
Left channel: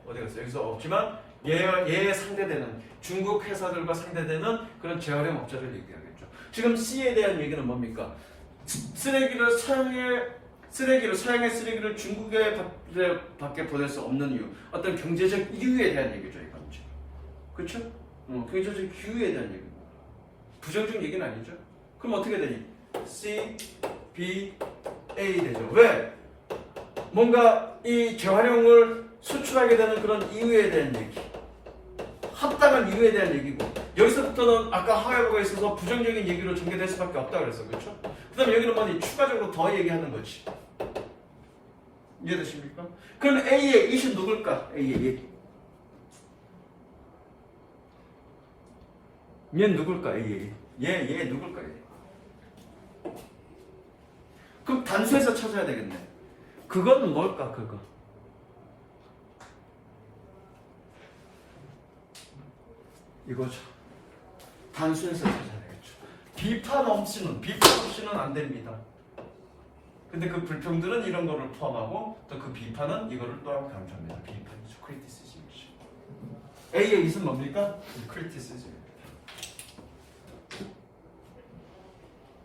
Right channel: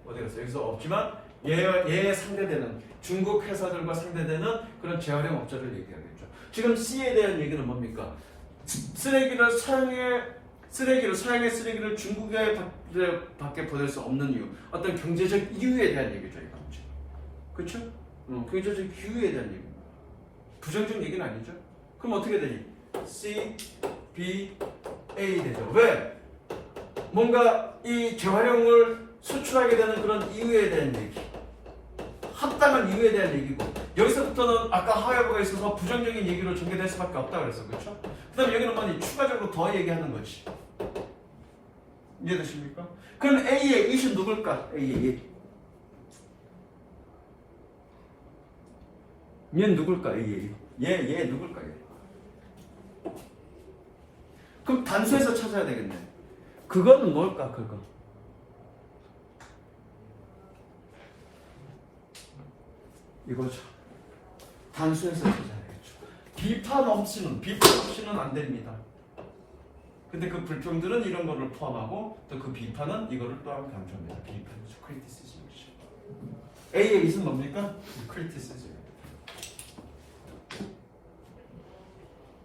어디 갔어요? 여기서 없지만 얘의 상대되는 중국 회사들과 상대되는 그런 재활용업자를 얘기하겠죠. 지금 C에 대한 얘기는 뭡니까? 사양의 쓰레기를 중국에 밖에 보낼 수 없는 이유, 어떤 경제적 이유에 대한 얘기죠, 이건 지금. 그렇죠? 경제적 이유에 대한 얘기. 부정적 얘기는 아니죠. 그럼 어떻게 되니? C, B, A 되죠. 왜? 뭔가 이 재활용을 수출하게 되는 그런 이유에 대한 얘기, 합당한 이유에 대한 얘기고, 여기서부터는 아까 하야부가 있어서 부정적인 얘기로 전개될 수밖에 없다 그랬어, 그렇죠? 그다음 여기는 뭐니? 추가적으로 더 얘기하는 거지. 이해되십니까? 그럼 A의 it은 누굴까? A의 it. 얘는 누굴까? A의 it. 얘 누굴까? 얘. 그럼 단수에서 찾아야 되겠네. 그거는 뭘까? 그거. 이거죠. 단수에서 찾아야 되겠죠. 비판 없이는 안 됩니다. 근데 그 불평들은 이런 거를 포함하고 또 그 비판은 이거를 또한 강조합니다. 비판이죠. criticism이죠. A의 it은 뭡니까? criticism.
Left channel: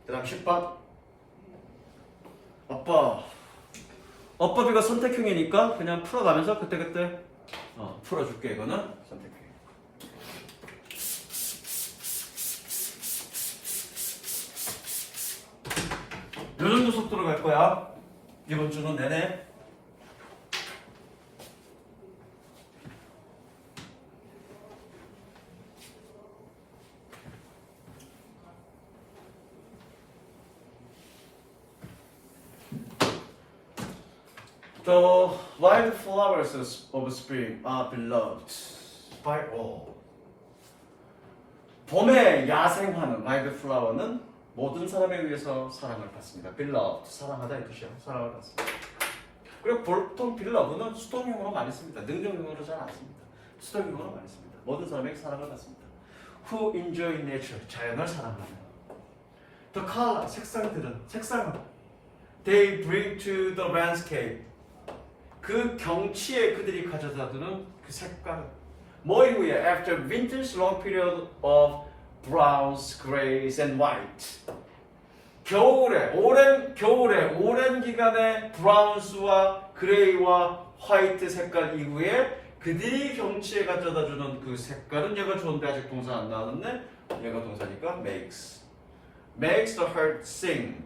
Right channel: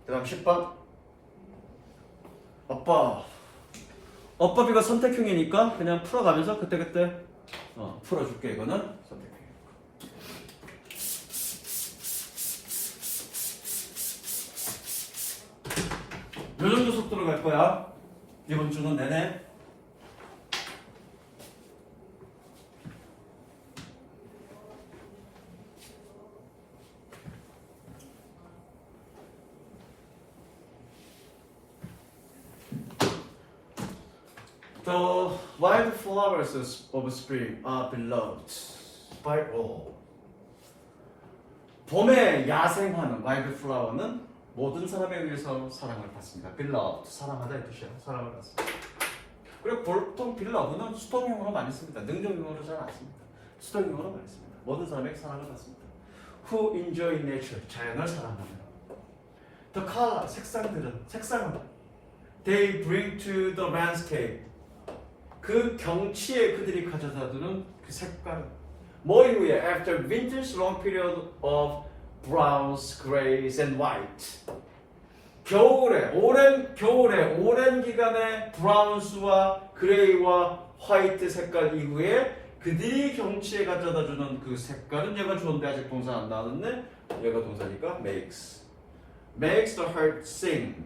그 다음 10번. 어법이가 선택형이니까 그냥 풀어가면서 그때그때 풀어줄게. 이거는 선택형. 요 정도 속도로 갈 거야. 이번 주는 내내. The wild flowers of spring are beloved by all. 봄의 야생화는 wild flower는 모든 사람에 의해서 사랑을 받습니다. beloved, 사랑하다의 뜻이야. 사랑을 받습니다. 그리고 보통 beloved는 수동형으로 많이 씁니다. 능동형으로 잘 안 씁니다. 수동형으로 많이 씁니다. 모든 사람에게 사랑을 받습니다. Who enjoy nature, 자연을 사랑합니다. The color, 색상은 they bring to the landscape, 그 경치에 그들이 가져다두는 그 색깔은 뭐 이후에 after winter's long period of browns, grays, and white. 오랜 기간의 브라운스와 그레이와 화이트 색깔 이후에 그들이 경치에 가져다주는 그 색깔은 얘가 좋은데 아직 동사 안 나왔네. 얘가 동사니까 makes the heart sing.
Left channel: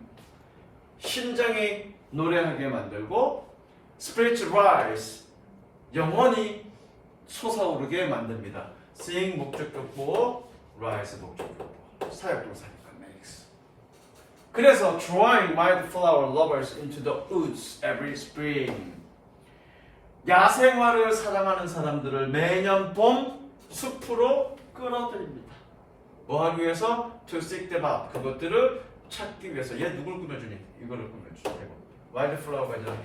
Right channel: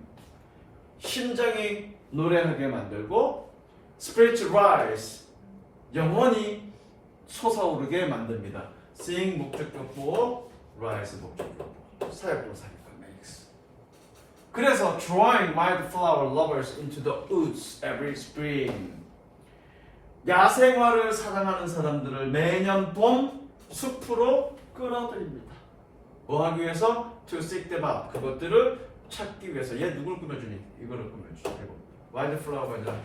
심장이 노래하게 만들고 spirits rise. 영혼이 솟아오르게 만듭니다. sing 목적격보, rise 목적격보. 사역동사니까 makes. 그래서 drawing wildflower lovers into the woods every spring. 야생화를 사랑하는 사람들을 매년 봄 숲으로 끌어들입니다. 뭐 하기 위해서? To seek them out. 그것들을 찾기 위해서. 얘 누굴 꾸며주니? 이거를 꾸며줘. 와일드 플라워가 아니라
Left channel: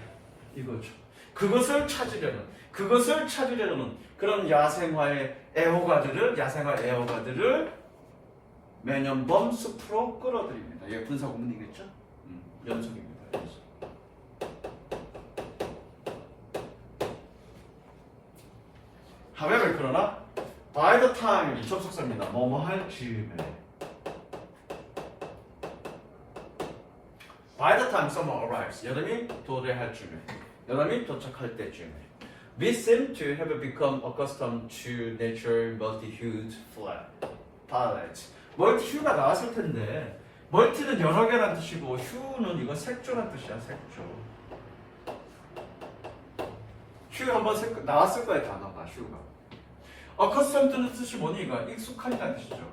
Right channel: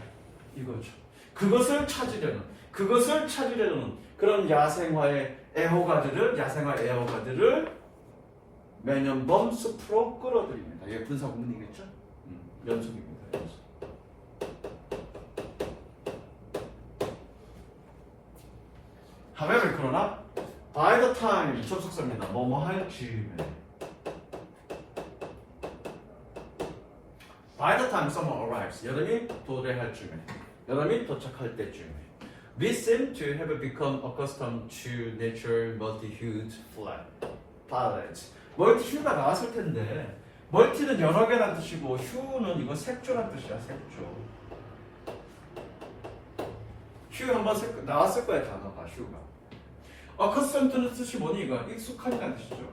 이거죠. 그것을 찾으려는 그런 야생화 애호가들을 매년범 숲으로 끌어들입니다. 얘 분사 구문이겠죠? 연속입니다. 연속. However, 그러나 by the time 접속사입니다. 뭐뭐 할 즈음에 by the time someone arrives 여름이 도래할 즈음에 여름이 도착할 때쯤에 we seem to have become accustomed to nature's multi-hued palette. 멀티휴가 나왔을 텐데 멀티는 여러 개란 뜻이고 휴는 이거 색조란 뜻이야. 색조. 휴 한번 나왔을 거야 단어가 휴가. accustomed는 뜻이 뭐니 이거? 익숙하다는 뜻이죠.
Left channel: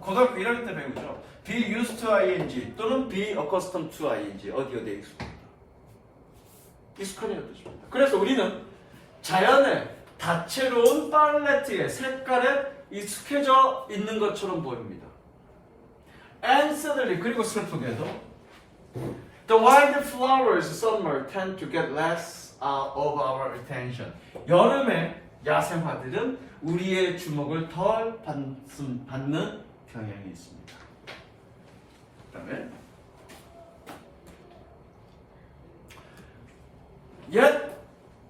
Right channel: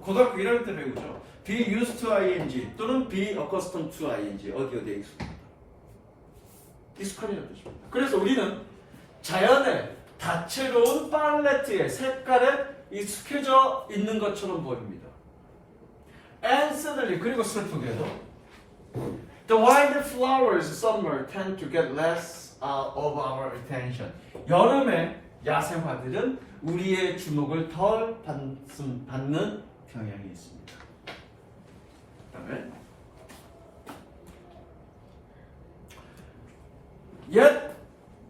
고등학교 1학년 때 배우죠. be used to ing 또는 be accustomed to ing 어디에 익숙하다는 뜻입니다. 그래서 우리는 자연의 다채로운 팔레트의 색깔에 익숙해져 있는 것처럼 보입니다. And suddenly 그리고 슬프게도 the wild flowers summer tend to get less out of our attention. 여름에 야생화들은 우리의 주목을 덜 받는 경향이 있습니다. 그다음에 Yet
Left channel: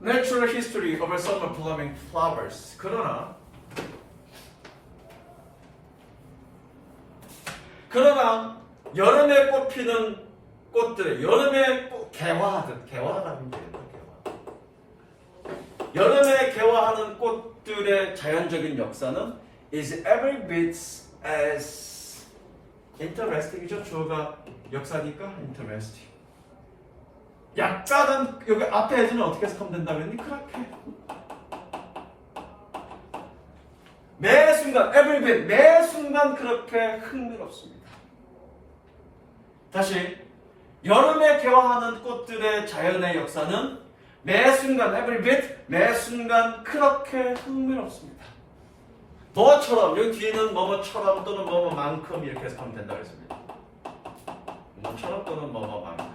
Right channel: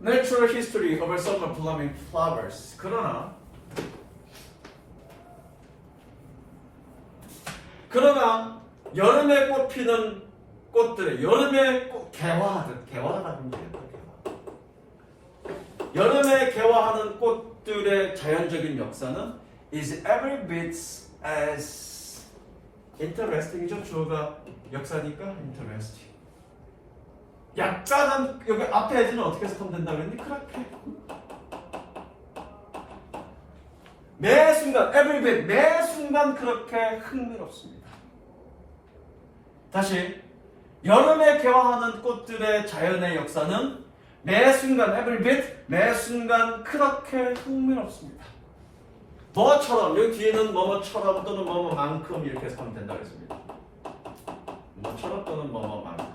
natural history of summer blooming flowers. 그러나 여름에 꽃피는 꽃들의 여름에 개화하는 게예요. 여름에 개화하는 꽃들의 자연적인 역사는 is every bit as interesting이죠. 주어가 역사니까 interesting. 약간은 여기 앞에 해지는 어떻게 해석하면 된다고 했니? 그렇게 매 순간 every bit 매 순간 그렇게 흥미롭습니다. 다시 여름에 개화하는 꽃들의 자연의 역사는 매 순간 every bit 매 순간 그렇게 흥미롭습니다. 뭐처럼 여기 뒤에는 뭐뭐처럼 또는 뭐뭐만큼 이렇게 해석하면 된다고 했습니다. 뭐처럼 또는 뭐뭐만큼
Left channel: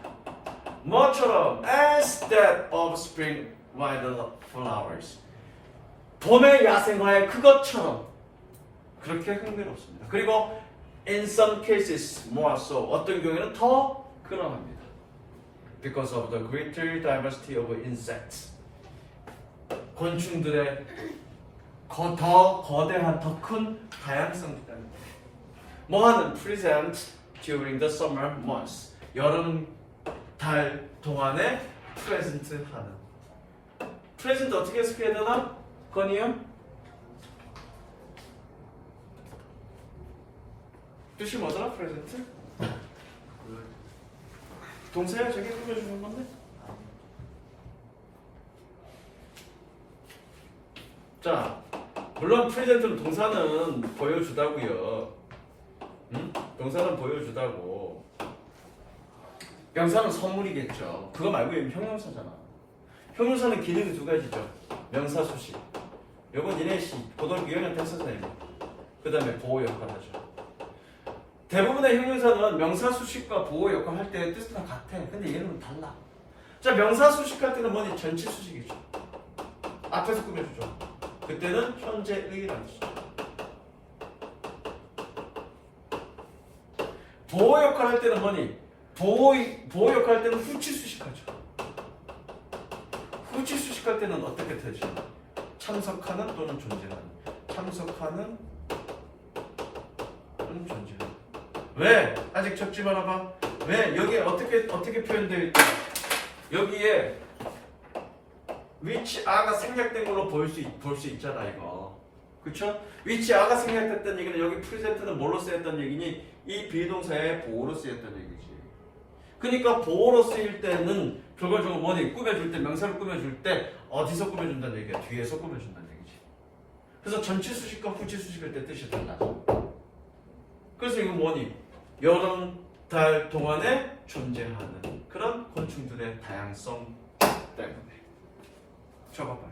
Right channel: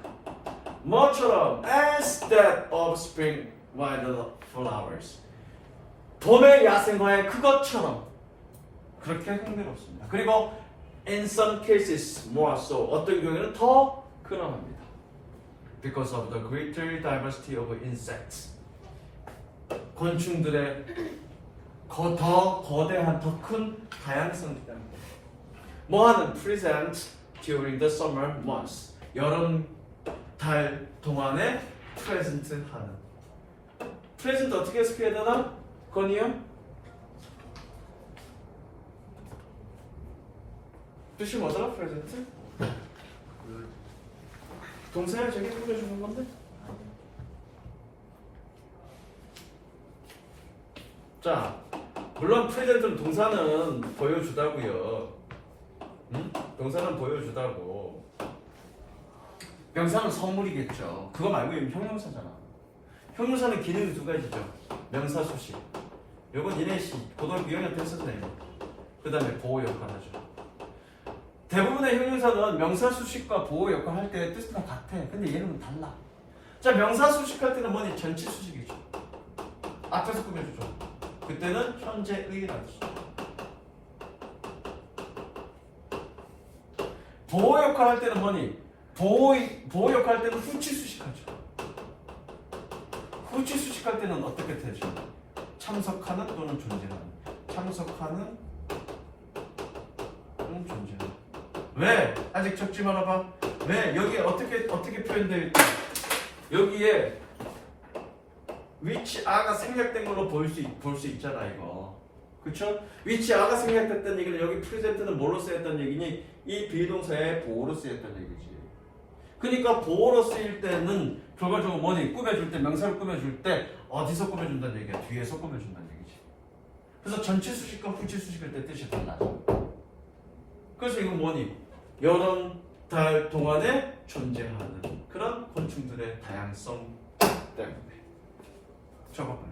뭐처럼 as that of spring wild flowers 봄의 야생화의 그것처럼 그렇게 흥미롭습니다. 그리고 in some cases more so 어떤 경우에는 더 그러합니다. Because of the greater diversity of insects 곤충들의 더 거대한 더 큰 다양성 때문에 뭐하는 present during the summer months 여름 달 동안에 present 하는 present 어떻게 해석해야 되나? 건이요? 뜻이 뭐더라? present? 동사야 저기 읽어주는 건데? 자, 물론 present는 동사는 보여주다고요. 응? 동사는 보여주다고. 명사는 선물이겠죠. 그거 말고 여기 형용사잖아. 형용사는 기능이 두 가지죠. 명사 수식. 요건 니네 고등학교 2학년 때 했었잖아요. 그 다음에 보호 역할 하죠. 대부분의 형용사는 명사 수식과 보호 역할 할 때 뜻은 다 같아. 근데 얘는 달라. 자, 명사 수식 할 때는 뭐니? 전치 수식이죠. 앞에서 꾸며주죠. 그때는 현재의라는 뜻이죠. 보호 역할 할 때는 뭐니? 보호 역할 할 때는 후치 수식하죠. 후치 수식할 때는 어떻게 되시나? 참석하는 또는 존재하는. 참석하는 또는 존재하는. 왜? 아직 적지 말아봐. 왜? 여기에 어떻게 표현되어 있다? 여기에 which a가 생략된 걸로 볼 수 있잖아 이거. 그쵸? which a가 생략됐다는 얘기는 여기 present는 뭘로 쓰였다는 얘기니? 이 비동사의 보호로 쓰였다는 얘기지. 그러니까 보호로 쓰일 때는 결과적으로 뭐니? 꾸며줄 때 명사를 꾸며줄 때 어디서 꾸며준다는 얘기야? 뒤에서 꾸며준다는 얘기지. 그래서 전치 수식과 후치 수식일 때 뜻이 달라. 그래서 이건 뭐니? 여름 달 동안에 존재하는 그런 곤충들의 다양성 때문에. 적어 빨리.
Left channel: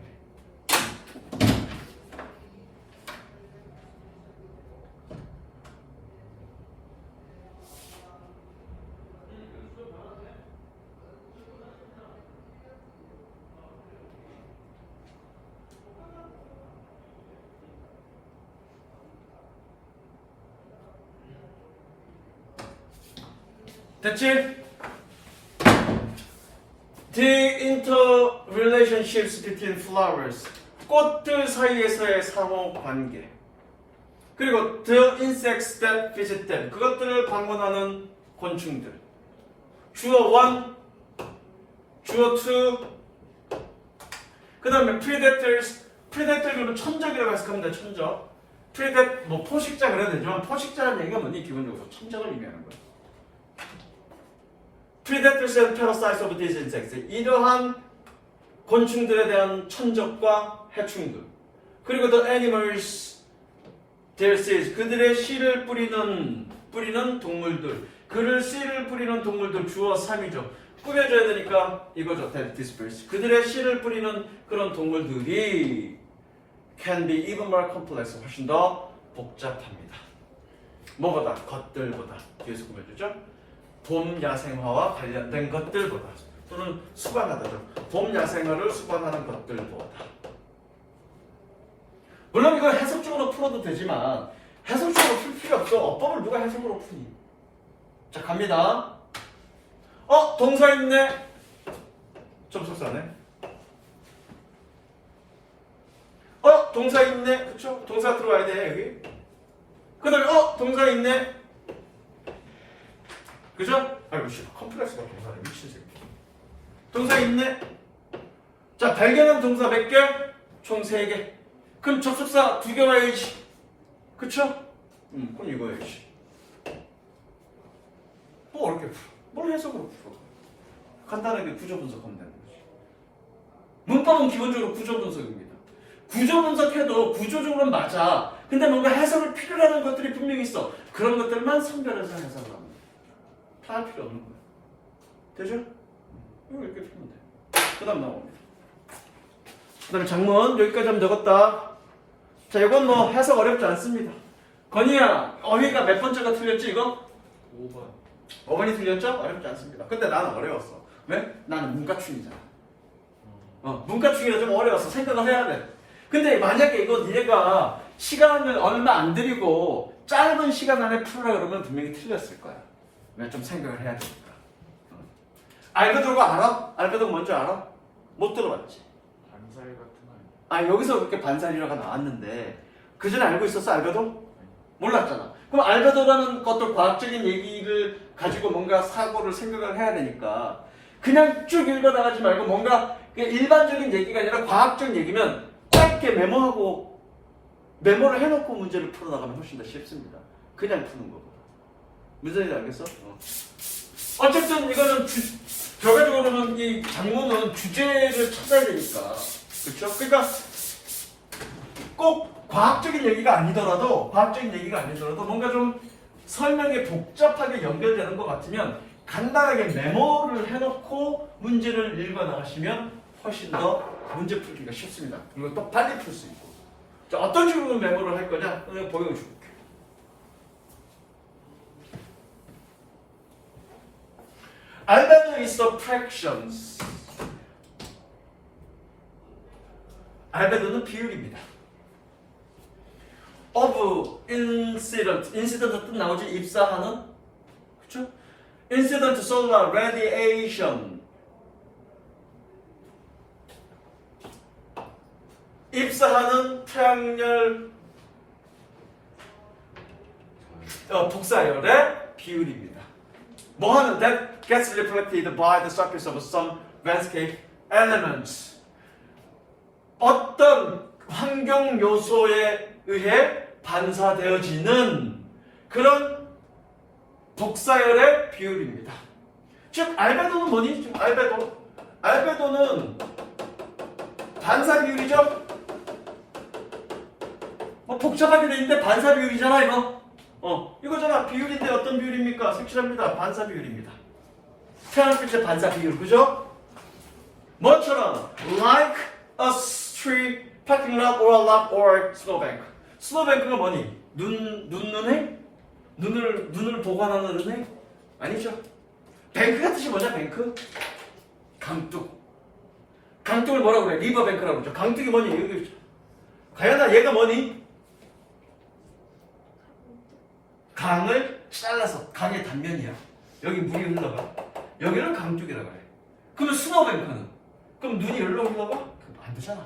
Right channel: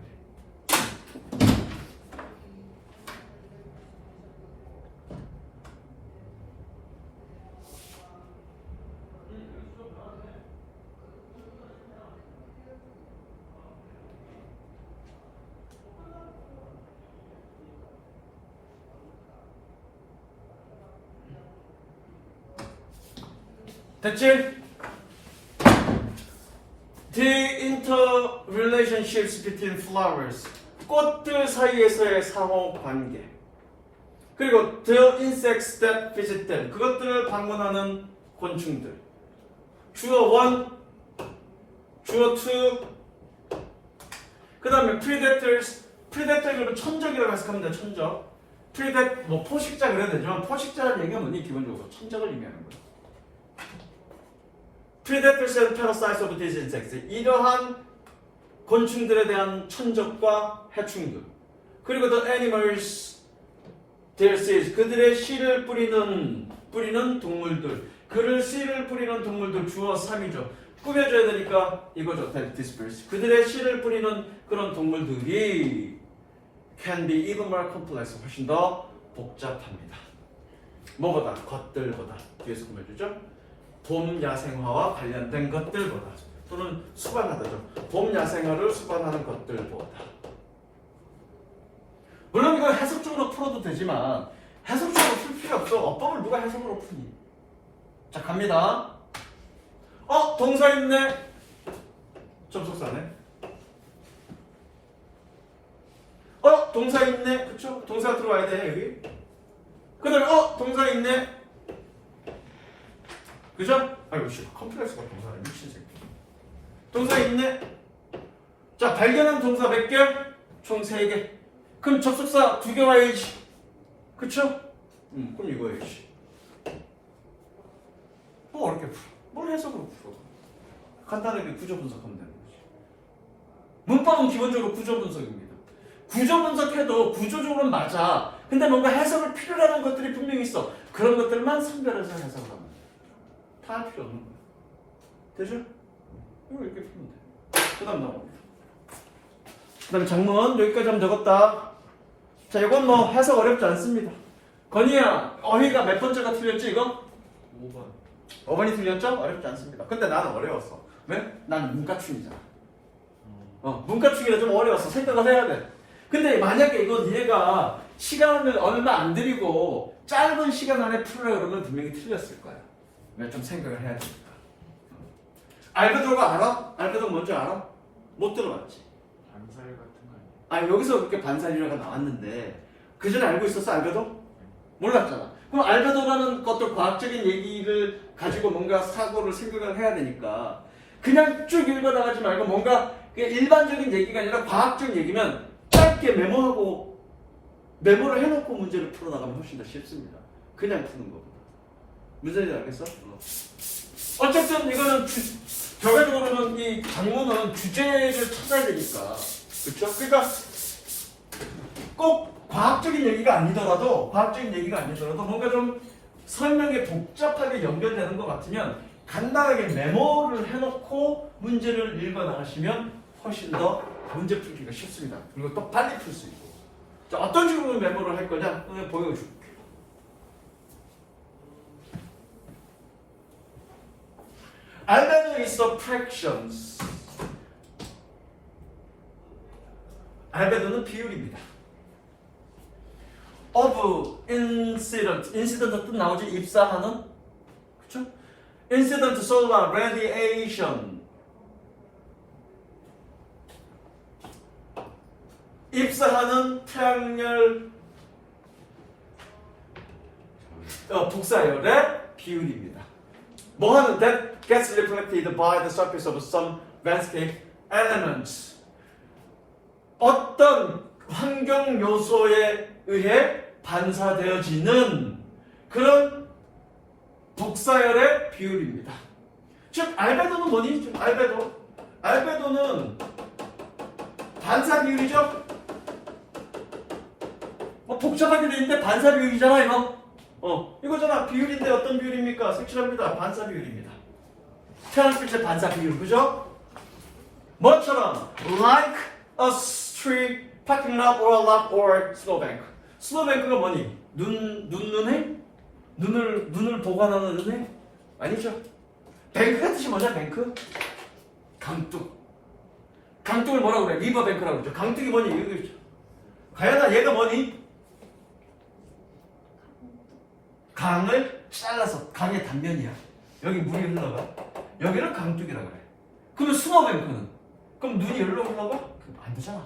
됐지? The interrelationships between flowers. 꽃들 사이에서의 상호 관계. 그리고 the insects that visit them. 그것들을 방문하는 곤충들. 주어 1, 주어 2. 그 다음에 predators. predator은 천적이라고 해석하면 돼. 천적. predat 뭐 포식자 그래야 되지만 포식자라는 얘기가 뭐니? 기본적으로 천적을 의미하는 거야. predators and parasites of these insects. 이러한 곤충들에 대한 천적과 해충들. 그리고 the animals, their seeds. 그들의 씨를 뿌리는 동물들. 그를 씨를 뿌리는 동물들 주어 3이죠. 꾸며줘야 되니까 이거죠. that disperse. 그들의 씨를 뿌리는 그런 동물들이 can be even more complex. 훨씬 더 복잡합니다. 뭐보다? 것들보다. 뒤에서 꾸며주죠. 봄 야생화와 관련된 것들보다 또는 수반하다죠. 봄 야생화를 수반하는 것들보다. 물론 이거 해석적으로 풀어도 되지만 해석적으로 풀 필요 없어. 어법을 누가 해석으로 푸니? 자 갑니다. 동사 있네. 접속사네. 동사 있네. 그쵸? 동사 들어와야 돼 여기. 그 다음에 동사 있네. 그죠? 아이고 씨 컴플렉스가 동사래 미친 새끼. 동사 있네. 자 발견한 동사 몇 개? 총 3개. 그럼 접속사 2개 와야지. 그쵸? 그럼 이거야지. 뭐 어렵게 풀어? 뭘 해석으로 풀어? 간단하게 구조 분석하면 되는 거지. 문법은 기본적으로 구조 분석입니다. 구조 분석해도 구조적으로는 맞아. 근데 뭔가 해석을 필요로 하는 것들이 분명히 있어. 그런 것들만 선별해서 해석을 하는 거야. 다 할 필요 없는 거야. 되죠? 이거 이렇게 풀면 돼. 그 다음 나옵니다. 그 다음에 장문 여기까지 하면 적었다. 자 이건 뭐 해석 어렵지 않습니다. 건이야 어휘가 몇 번째가 틀렸지 이거? 5번. 5번이 틀렸죠? 어렵지 않습니다. 근데 나는 어려웠어. 왜? 나는 문과충이잖아. 문과충이라 좀 어려웠어. 생각을 해야 돼. 근데 만약에 이거 니네가 시간을 얼마 안 들이고 짧은 시간 안에 풀으라 그러면 분명히 틀렸을 거야. 왜? 좀 생각을 해야 되니까. 알베도가 알아? 알베도가 뭔지 알아? 못 들어봤지. 반사일 같은 거 여기서 그렇게 반사율화가 나왔는데 그 전에 알고 있었어 알베도? 몰랐잖아. 그럼 알베도라는 것도 과학적인 얘기를 가지고 뭔가 사고를 생각을 해야 되니까 그냥 쭉 읽어나가지 말고 뭔가 그냥 일반적인 얘기가 아니라 과학적인 얘기면 짧게 메모를 해놓고 문제를 풀어나가면 훨씬 더 쉽습니다. 그냥 푸는 거고. 무슨 얘기인지 알겠어? 어쨌든 이거는 결과적으로는 이 장문은 주제를 찾아야 되니까. 그렇죠? 그러니까 꼭 과학적인 얘기가 아니더라도 뭔가 좀 설명이 복잡하게 연결되는 것 같으면 간단하게 메모를 해놓고 문제를 읽어 나가시면 훨씬 더 문제 풀기가 쉽습니다. 그리고 또 빨리 풀 수 있고. 자, 어떤 식으로 메모를 할 거냐? 오늘 보여줄게. 알베도 is the fractions. 알베도는 비율입니다. of incident. incident 뜻 나오지? 입사하는? 그쵸? incident solar radiation. 입사하는 태양열 복사열의 비율입니다. 뭐 하는 that gets reflected by the surface of some landscape elements. 어떤 환경 요소에 의해 반사되어지는 그런 복사열의 비율입니다. 즉 알베도는 뭐니? 알베도는 반사 비율이죠. 뭐 복잡하게 돼 있는데 반사 비율이잖아 이거. 이거잖아. 비율인데 어떤 비율입니까? 색칠합니다. 반사 비율입니다. 태양빛의 반사 비율, 그죠? 뭐처럼 like a street, parking lot, or a lot, or snowbank. snowbank가 뭐니? 눈에? 눈을 보관하는 은혜? 아니죠. 뱅크가 뜻이 뭐냐? 뱅크? 강둑. 강둑을 뭐라고 그래? 리버뱅크라고 그러죠. 강둑이 뭐니? 여기 가연아 얘가 뭐니? 강을 잘라서 강의 단면이야. 여기 물이 흘러가. 여기는 강둑이라고 그래. 그러면 스노우뱅크는? 그럼 눈이 여기로 흘러가? 그럼 안 되잖아.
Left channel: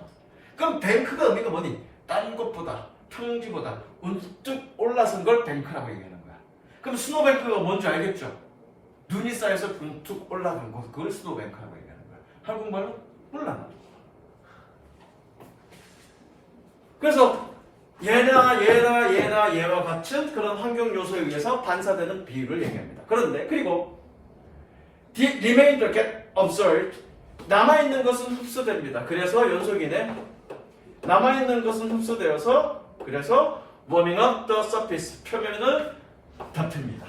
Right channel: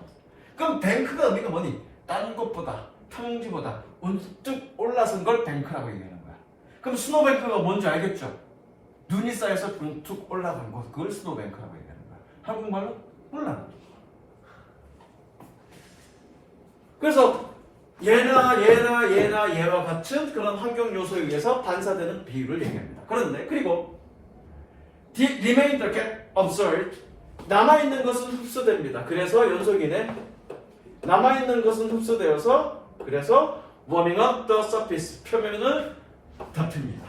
그럼 뱅크가 의미가 뭐니? 다른 것보다, 평지보다 우뚝 올라선 걸 뱅크라고 얘기하는 거야. 그럼 스노우뱅크가 뭔지 알겠죠? 눈이 쌓여서 툭 올라간 것, 그걸 스노우뱅크라고 얘기하는 거야. 한국말로? 몰라. 그래서 얘와 같은 그런 환경 요소에 의해서 반사되는 비율을 얘기합니다. 그런데 그리고 the remainder get absorbed, 남아있는 것은 흡수됩니다. 그래서 연속이네. 남아있는 것은 흡수되어서 그래서 warming up the surface, 표면을 덮입니다.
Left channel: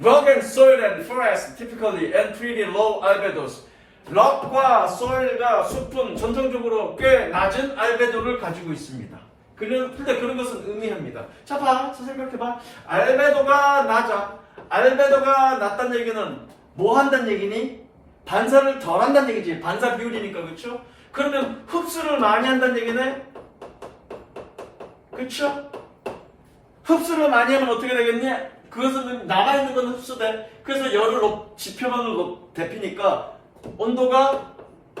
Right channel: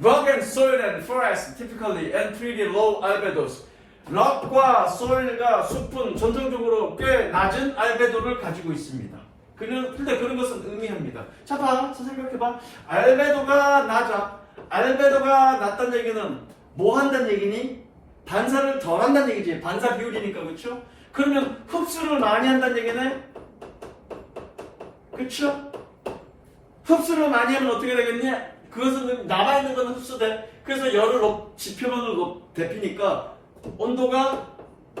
Rock and soil and forest typically and pretty low albedos. 락과 소일과 숲은 전통적으로 꽤 낮은 알베도를 가지고 있습니다. 근데 그런 것은 의미합니다. 자, 봐. 자, 생각해봐. 알베도가 낮아. 알베도가 낮다는 얘기는 뭐 한다는 얘기니? 반사를 덜 한다는 얘기지. 반사 비율이니까, 그쵸? 그러면 흡수를 많이 한다는 얘기네? 그쵸? 흡수를 많이 하면 어떻게 되겠니? 그것은 남아있는 건 흡수돼. 그래서 열을 지표면을 데피니까 온도가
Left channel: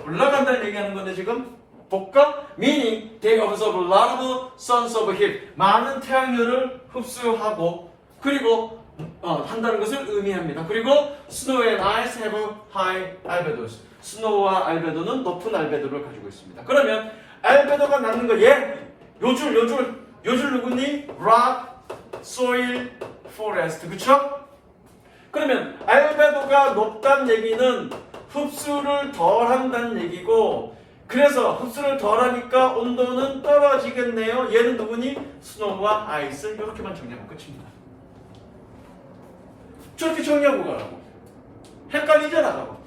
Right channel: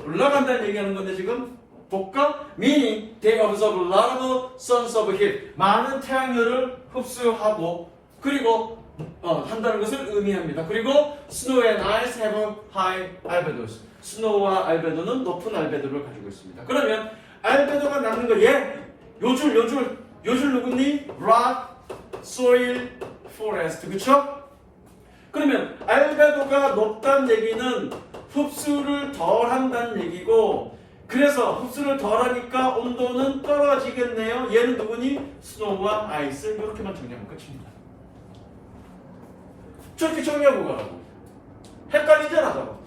올라간다는 얘기하는 건데 지금 볼까? Meaning they absorb a lot of sun's heat. 많은 태양열을 흡수하고 그리고 한다는 것을 의미합니다. 그리고 snow and ice have high albedos. 스노우와 알베도는 높은 알베도를 가지고 있습니다. 그러면 알베도가 낮는 거 요줄 누구니? rock, soil, forest. 그쵸? 그러면 알베도가 높다는 얘기는 흡수를 덜 한다는 얘기고 그래서 흡수를 덜 하니까 온도는 떨어지겠네요. 얘는 누구니? 스노우와 아이스. 이렇게만 정리하면 끝입니다. 저렇게 정리하고 가라고. 헷갈리잖아. 그거.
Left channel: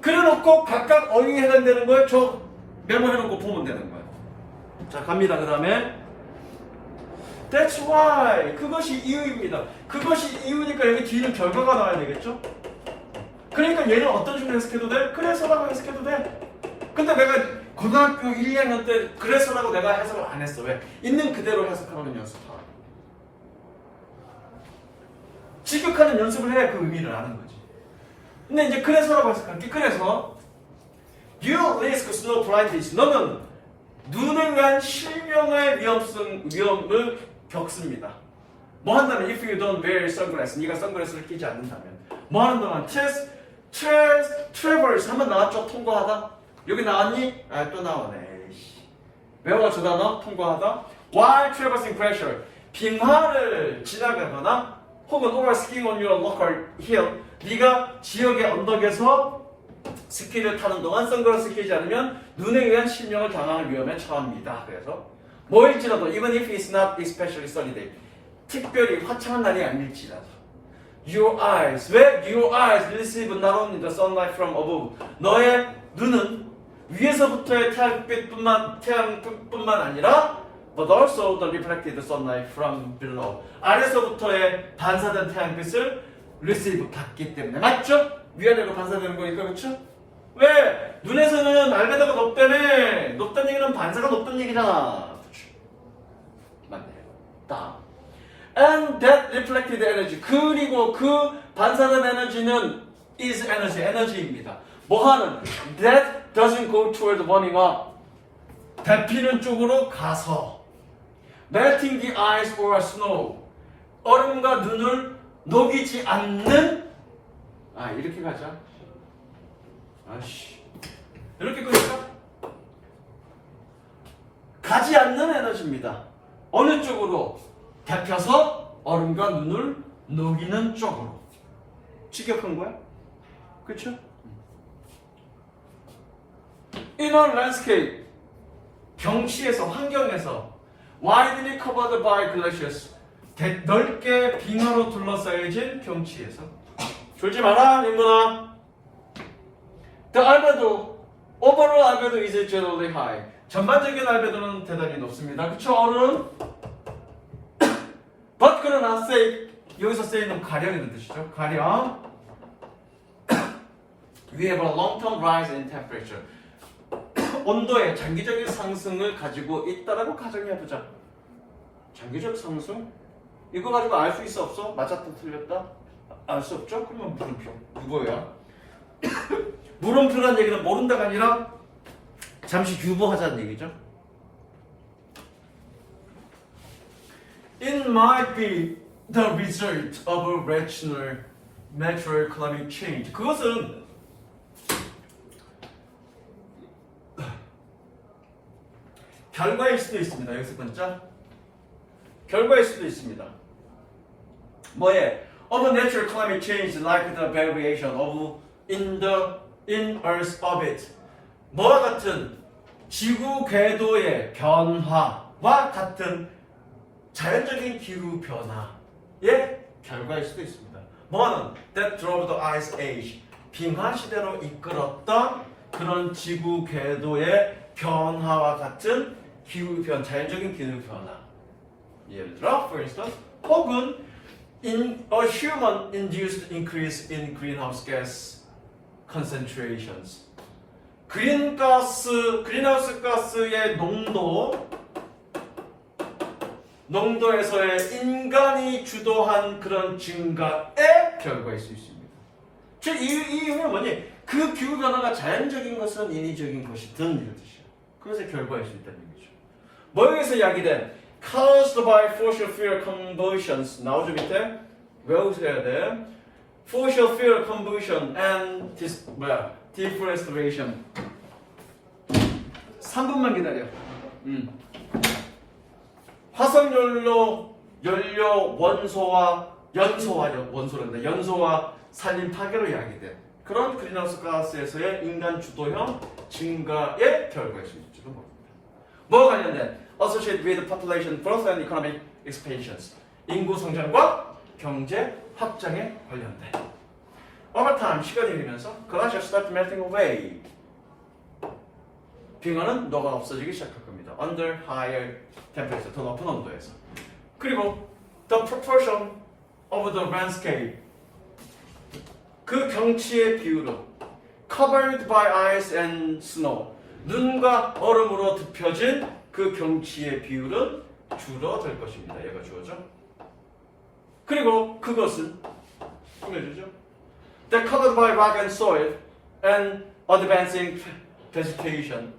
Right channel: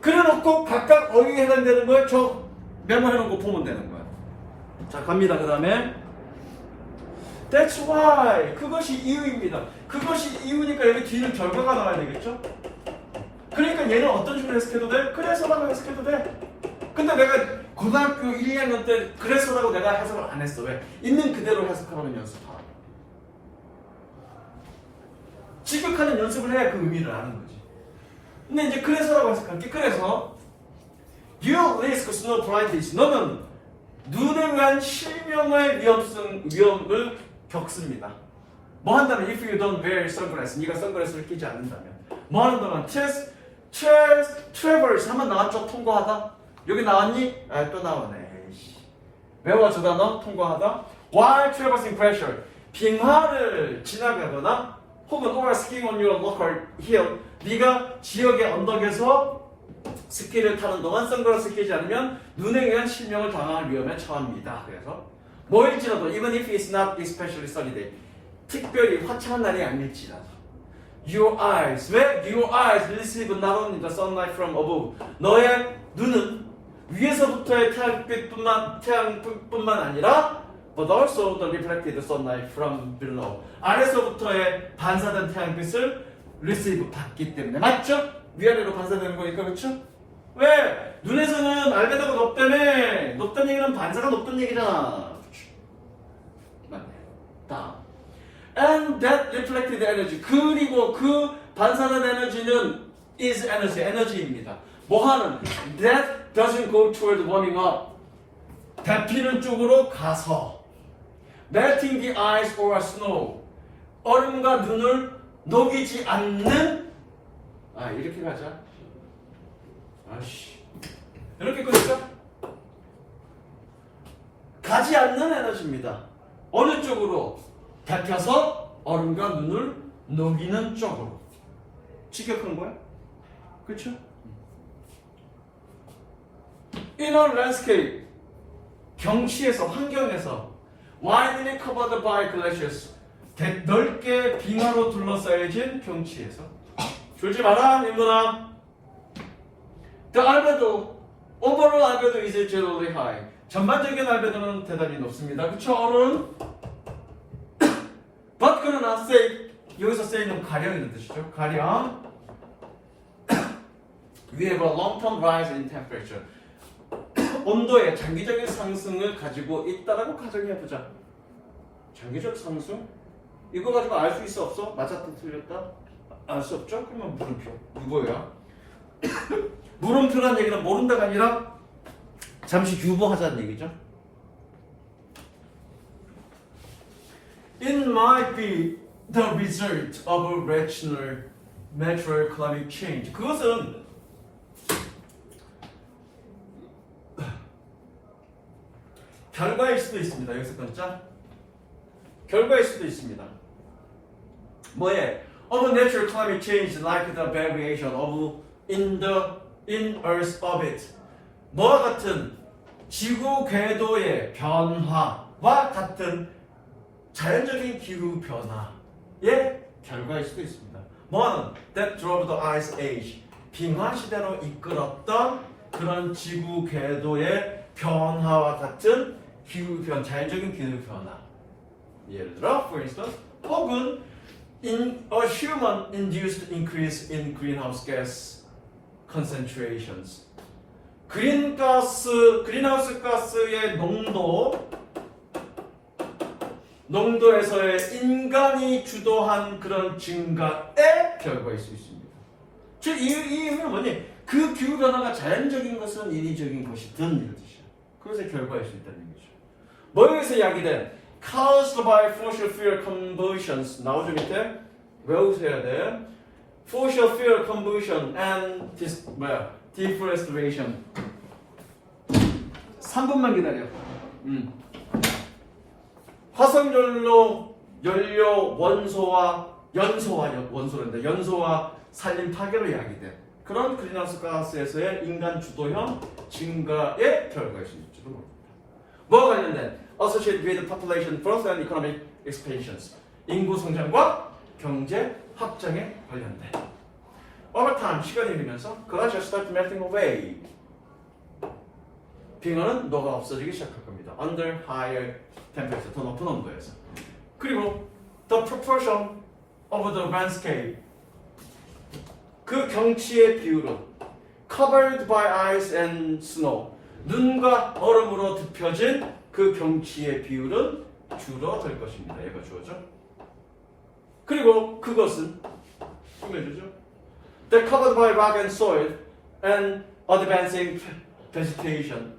그래놓고 각각 어휘에 해당되는 걸 저 메모해놓은 거 보면 되는 거야. 자, 갑니다. 그 다음에 That's why. 그것이 이유입니다. 그것이 이유니까 여기 뒤는 결과가 나와야 되겠죠? 그러니까 얘는 어떤 식으로 해석해도 돼? 그래서라고 해석해도 돼. 근데 내가 고등학교 1, 2학년 때 그래서라고 내가 해석을 안 했어. 왜? 있는 그대로 해석하는 연습하라. 직역하는 연습을 해야 그 의미를 아는 거지. 근데 이제 그래서라고 해석할게. 그래서 You risk snow blindness. 너는 눈을 위한 실명의 위험을 겪습니다. 뭐 한다면 if you don't wear sunglasses, 네가 선글라스를 끼지 않는다면 뭐 하는 동안 traverse 한번 나왔죠? 통과하다. 여기 나왔니? 아, 또 나오네. 외워 저 단어 통과하다. While traversing pressure, 빙하를 지나가거나 혹은 over skiing on your local hill, 네가 지역의 언덕에서 스키를 타는 동안 선글라스 끼지 않으면 눈에 의한 실명을 당할 위험에 처합니다. 그래서 뭐일지라도 even if it's not especially sunny day, 특별히 화창한 날이 아닐지라도 your eyes, 왜? Your eyes receive not only the sunlight from above. 너의 눈은 위에서부터의 태양빛뿐만 아니라 but also the reflected sunlight from below. 아래서부터의 반사된 태양빛을 receive 받기 때문에. 맞죠? 위아래로 반사되는 거니까. 그렇죠? 왜? 눈에서는 알베도가 높다며. 높다는 얘기는 반사가 높다는 얘기잖아. 맞네. 다음. And that reflected energy. 그리고 그 반사된 에너지는 is energy. 에너지입니다. 뭐하는? That doesn't go toward warming up. 데피는 쪽으로 가서 melting the ice or snow. 얼음과 눈을 녹이지 않는. 이렇게 가자. 아씨. 이렇게 끊자. 가지 않는 에너지입니다. 어느 쪽으로? 데펴서 얼음과 눈을 녹이는 쪽으로. 직역한 거야? 그렇죠? Inner landscape, 경치에서, 환경에서 widely covered by glaciers, 넓게 빙하로 둘러싸여진 경치에서. 졸지 마라, 인문아. The albedo, overall albedo is generally high. 전반적인 알베도는 대단히 높습니다. 그쵸, 어른? But 그러나 say, 여기서 say는 가령이라는 뜻이죠. 가령. We have a long-term rise in temperature. 온도의 장기적인 상승을 가지고 있다라고 가정해보자. 장기적 상승? 이거 가지고 알 수 있어 없어? 맞았다 틀렸다? 알 수 없죠? 그러면 물음표. 이거야. 물음표란 얘기는 모른다가 아니라 잠시 유보하자는 얘기죠. It might be the result of a natural climate change. 그것은 결과일 수도 있습니다. 여기서 끊자. 결과일 수도 있습니다. 뭐에? Of a natural climate change like the variation of in Earth's orbit. 뭐와 같은 지구 궤도의 변화와 같은 자연적인 기후 변화의 결과일 수도 있습니다. 뭐는 that drove the ice age. 빙하 시대로 이끌었던 그런 지구 궤도의 변화와 같은 자연적인 기후 변화. 예를 들어, for instance, 혹은 in a human-induced increase in greenhouse gas concentrations. 그린하우스 가스의 농도에서의 인간이 주도한 그런 증가의 결과일 수 있습니다. 즉, 이 의미는 뭐니? 그 기후 변화가 자연적인 것은 인위적인 것이든 이런 뜻이야. 그래서 결과일 수 있다는 얘기죠. 뭐 여기서 이야기된 caused by fossil fuel combustions 나오죠 밑에? 외우셔야 돼. Fossil fuel combustion and deforestation. 3분만 기다려. 화석연료 연소와 산림 파괴로 야기된 그런 그린하우스 가스에서의 인간 주도형 증가의 결과일 수 있을지도 모릅니다. 뭐와 관련된? Associated with population growth and economic expansions. 인구 성장과 경제 확장에 관련된. Over time, 시간이 흐르면서 glaciers start melting away. 빙하는 녹아 없어지기 시작할 겁니다. Under higher temperature, 더 높은 온도에서. 그리고 the proportion of the landscape. 그 경치의 비율은 covered by ice and snow. 눈과 얼음으로 덮여진 그 경치의 비율은 줄어들 것입니다. 얘가 주어져. 그리고 그것은 꾸며주죠. They're covered by rock and soil and advancing vegetation.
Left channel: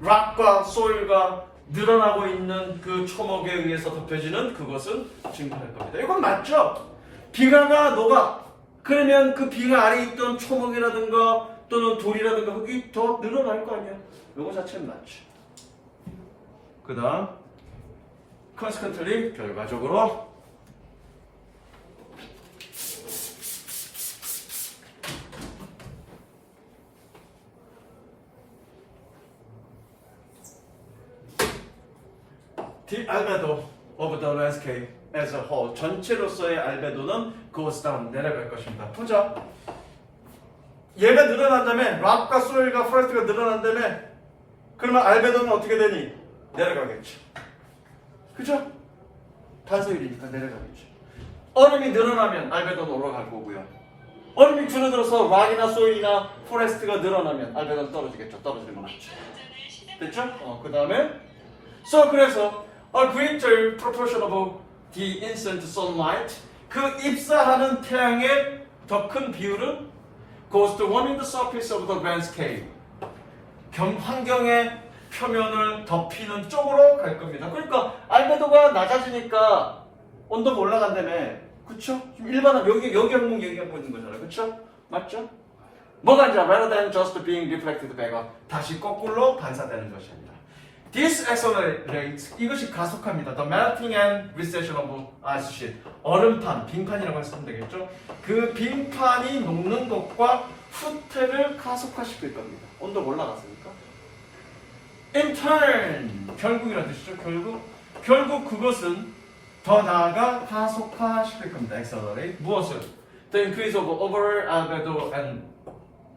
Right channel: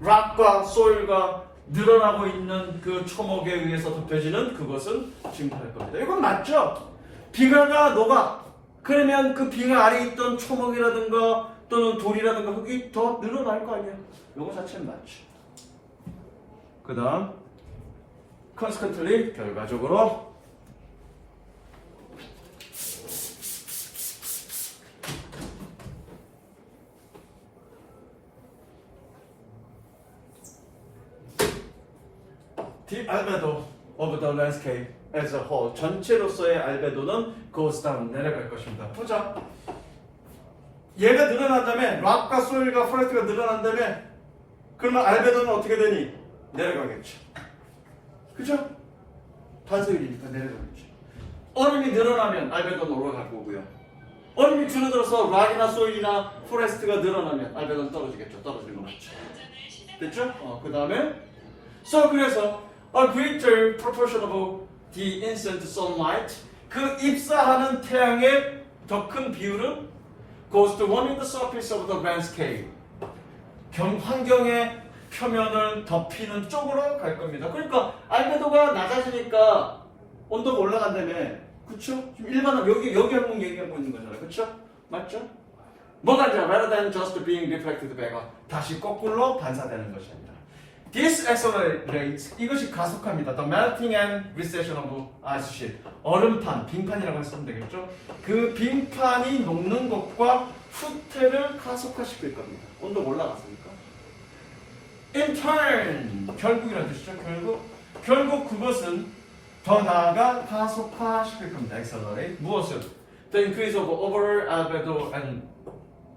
락과 소일과 늘어나고 있는 그 초목에 의해서 덮여지는 그것은 증가할 겁니다. 이건 맞죠? 빙하가 녹아. 그러면 그 빙하 아래에 있던 초목이라든가 또는 돌이라든가 흙이 더 늘어날 거 아니야. 이거 자체는 맞죠. 그 다음 consequently 결과적으로 the albedo of the landscape as a whole 전체로서의 알베도는 goes down 내려갈 것입니다. 보자. 얘가 늘어난다면 락과 소일과 퍼스트가 늘어난다면 그러면 알베도는 어떻게 되니? 내려가겠죠. 그죠? 반소일이니까 내려가겠죠. 얼음이 늘어나면 알베도는 올라갈 거고요. 얼음이 줄어들어서 락이나 소일이나 포레스트가 늘어나면 알베도는 떨어지겠죠. 떨어지는 건 맞죠. 됐죠? 그 다음에 그래서 a greater proportion of the incident sunlight 그 입사하는 태양의 더 큰 비율은 goes to warming the surface of the landscape 환경의 표면을 덮이는 쪽으로 갈 겁니다. 그러니까 알베도가 낮아지니까 온도가 올라간다며. 그쵸? 지금 일반은 여기 항목 얘기하고 있는 거잖아요. 그쵸? 맞죠? 뭐가 이제 rather than just being reflected back 다시 거꾸로 반사되는 것입니다. This accelerates 이것이 가속합니다. The melting and recession of ice sheet 얼음판, 빙판이라고 했으면 되겠죠? 그 빙판이 녹는 것과 후퇴를 가속화시킬 겁니다. 온도가 올라갔으니까. In turn 결국이라는 뜻이죠. 결국 그것은 더 나아가 가속화시킬 겁니다. Accelerate 무엇을? The increase of overall albedo and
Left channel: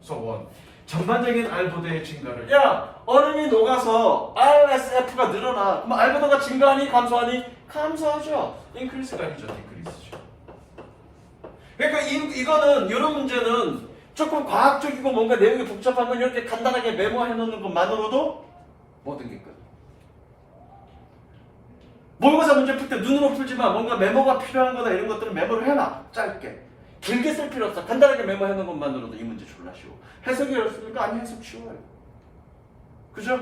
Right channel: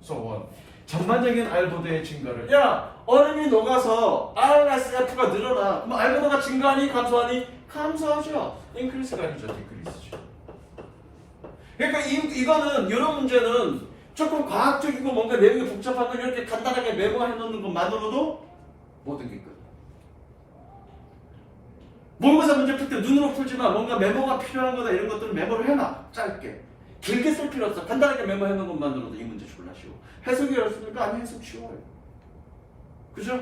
so on. 전반적인 알베도의 증가를. 야, 얼음이 녹아서 RSF가 늘어나. 뭐 알베도가 증가하니 감소하니? 감소하죠. increase가 아니죠. decrease죠. 그러니까 이거는 이런 문제는 조금 과학적이고 뭔가 내용이 복잡한 건 이렇게 간단하게 메모해 놓는 것만으로도 모든 게 끝. 모의고사 문제 풀 때 눈으로 풀지만 뭔가 메모가 필요한 거다 이런 것들은 메모를 해놔. 짧게. 길게 쓸 필요 없어. 간단하게 메모해놓은 것만으로도 이 문제 졸라 쉬워. 해석이 어렵습니까? 아니 해석 쉬워요. 그죠?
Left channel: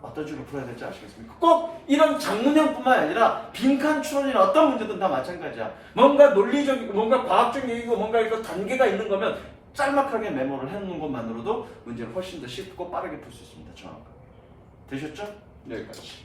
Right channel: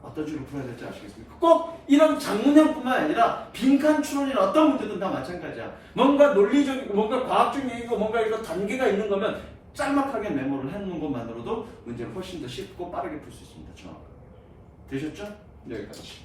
어떤 식으로 풀어야 될지 아시겠습니까? 꼭 이런 장문형뿐만 아니라 빈칸 추론이나 어떤 문제든 다 마찬가지야. 뭔가 논리적이고 뭔가 과학적 얘기고 뭔가 이거 단계가 있는 거면 짤막하게 메모를 해놓는 것만으로도 문제를 훨씬 더 쉽고 빠르게 풀 수 있습니다. 정확하게. 되셨죠? 여기까지.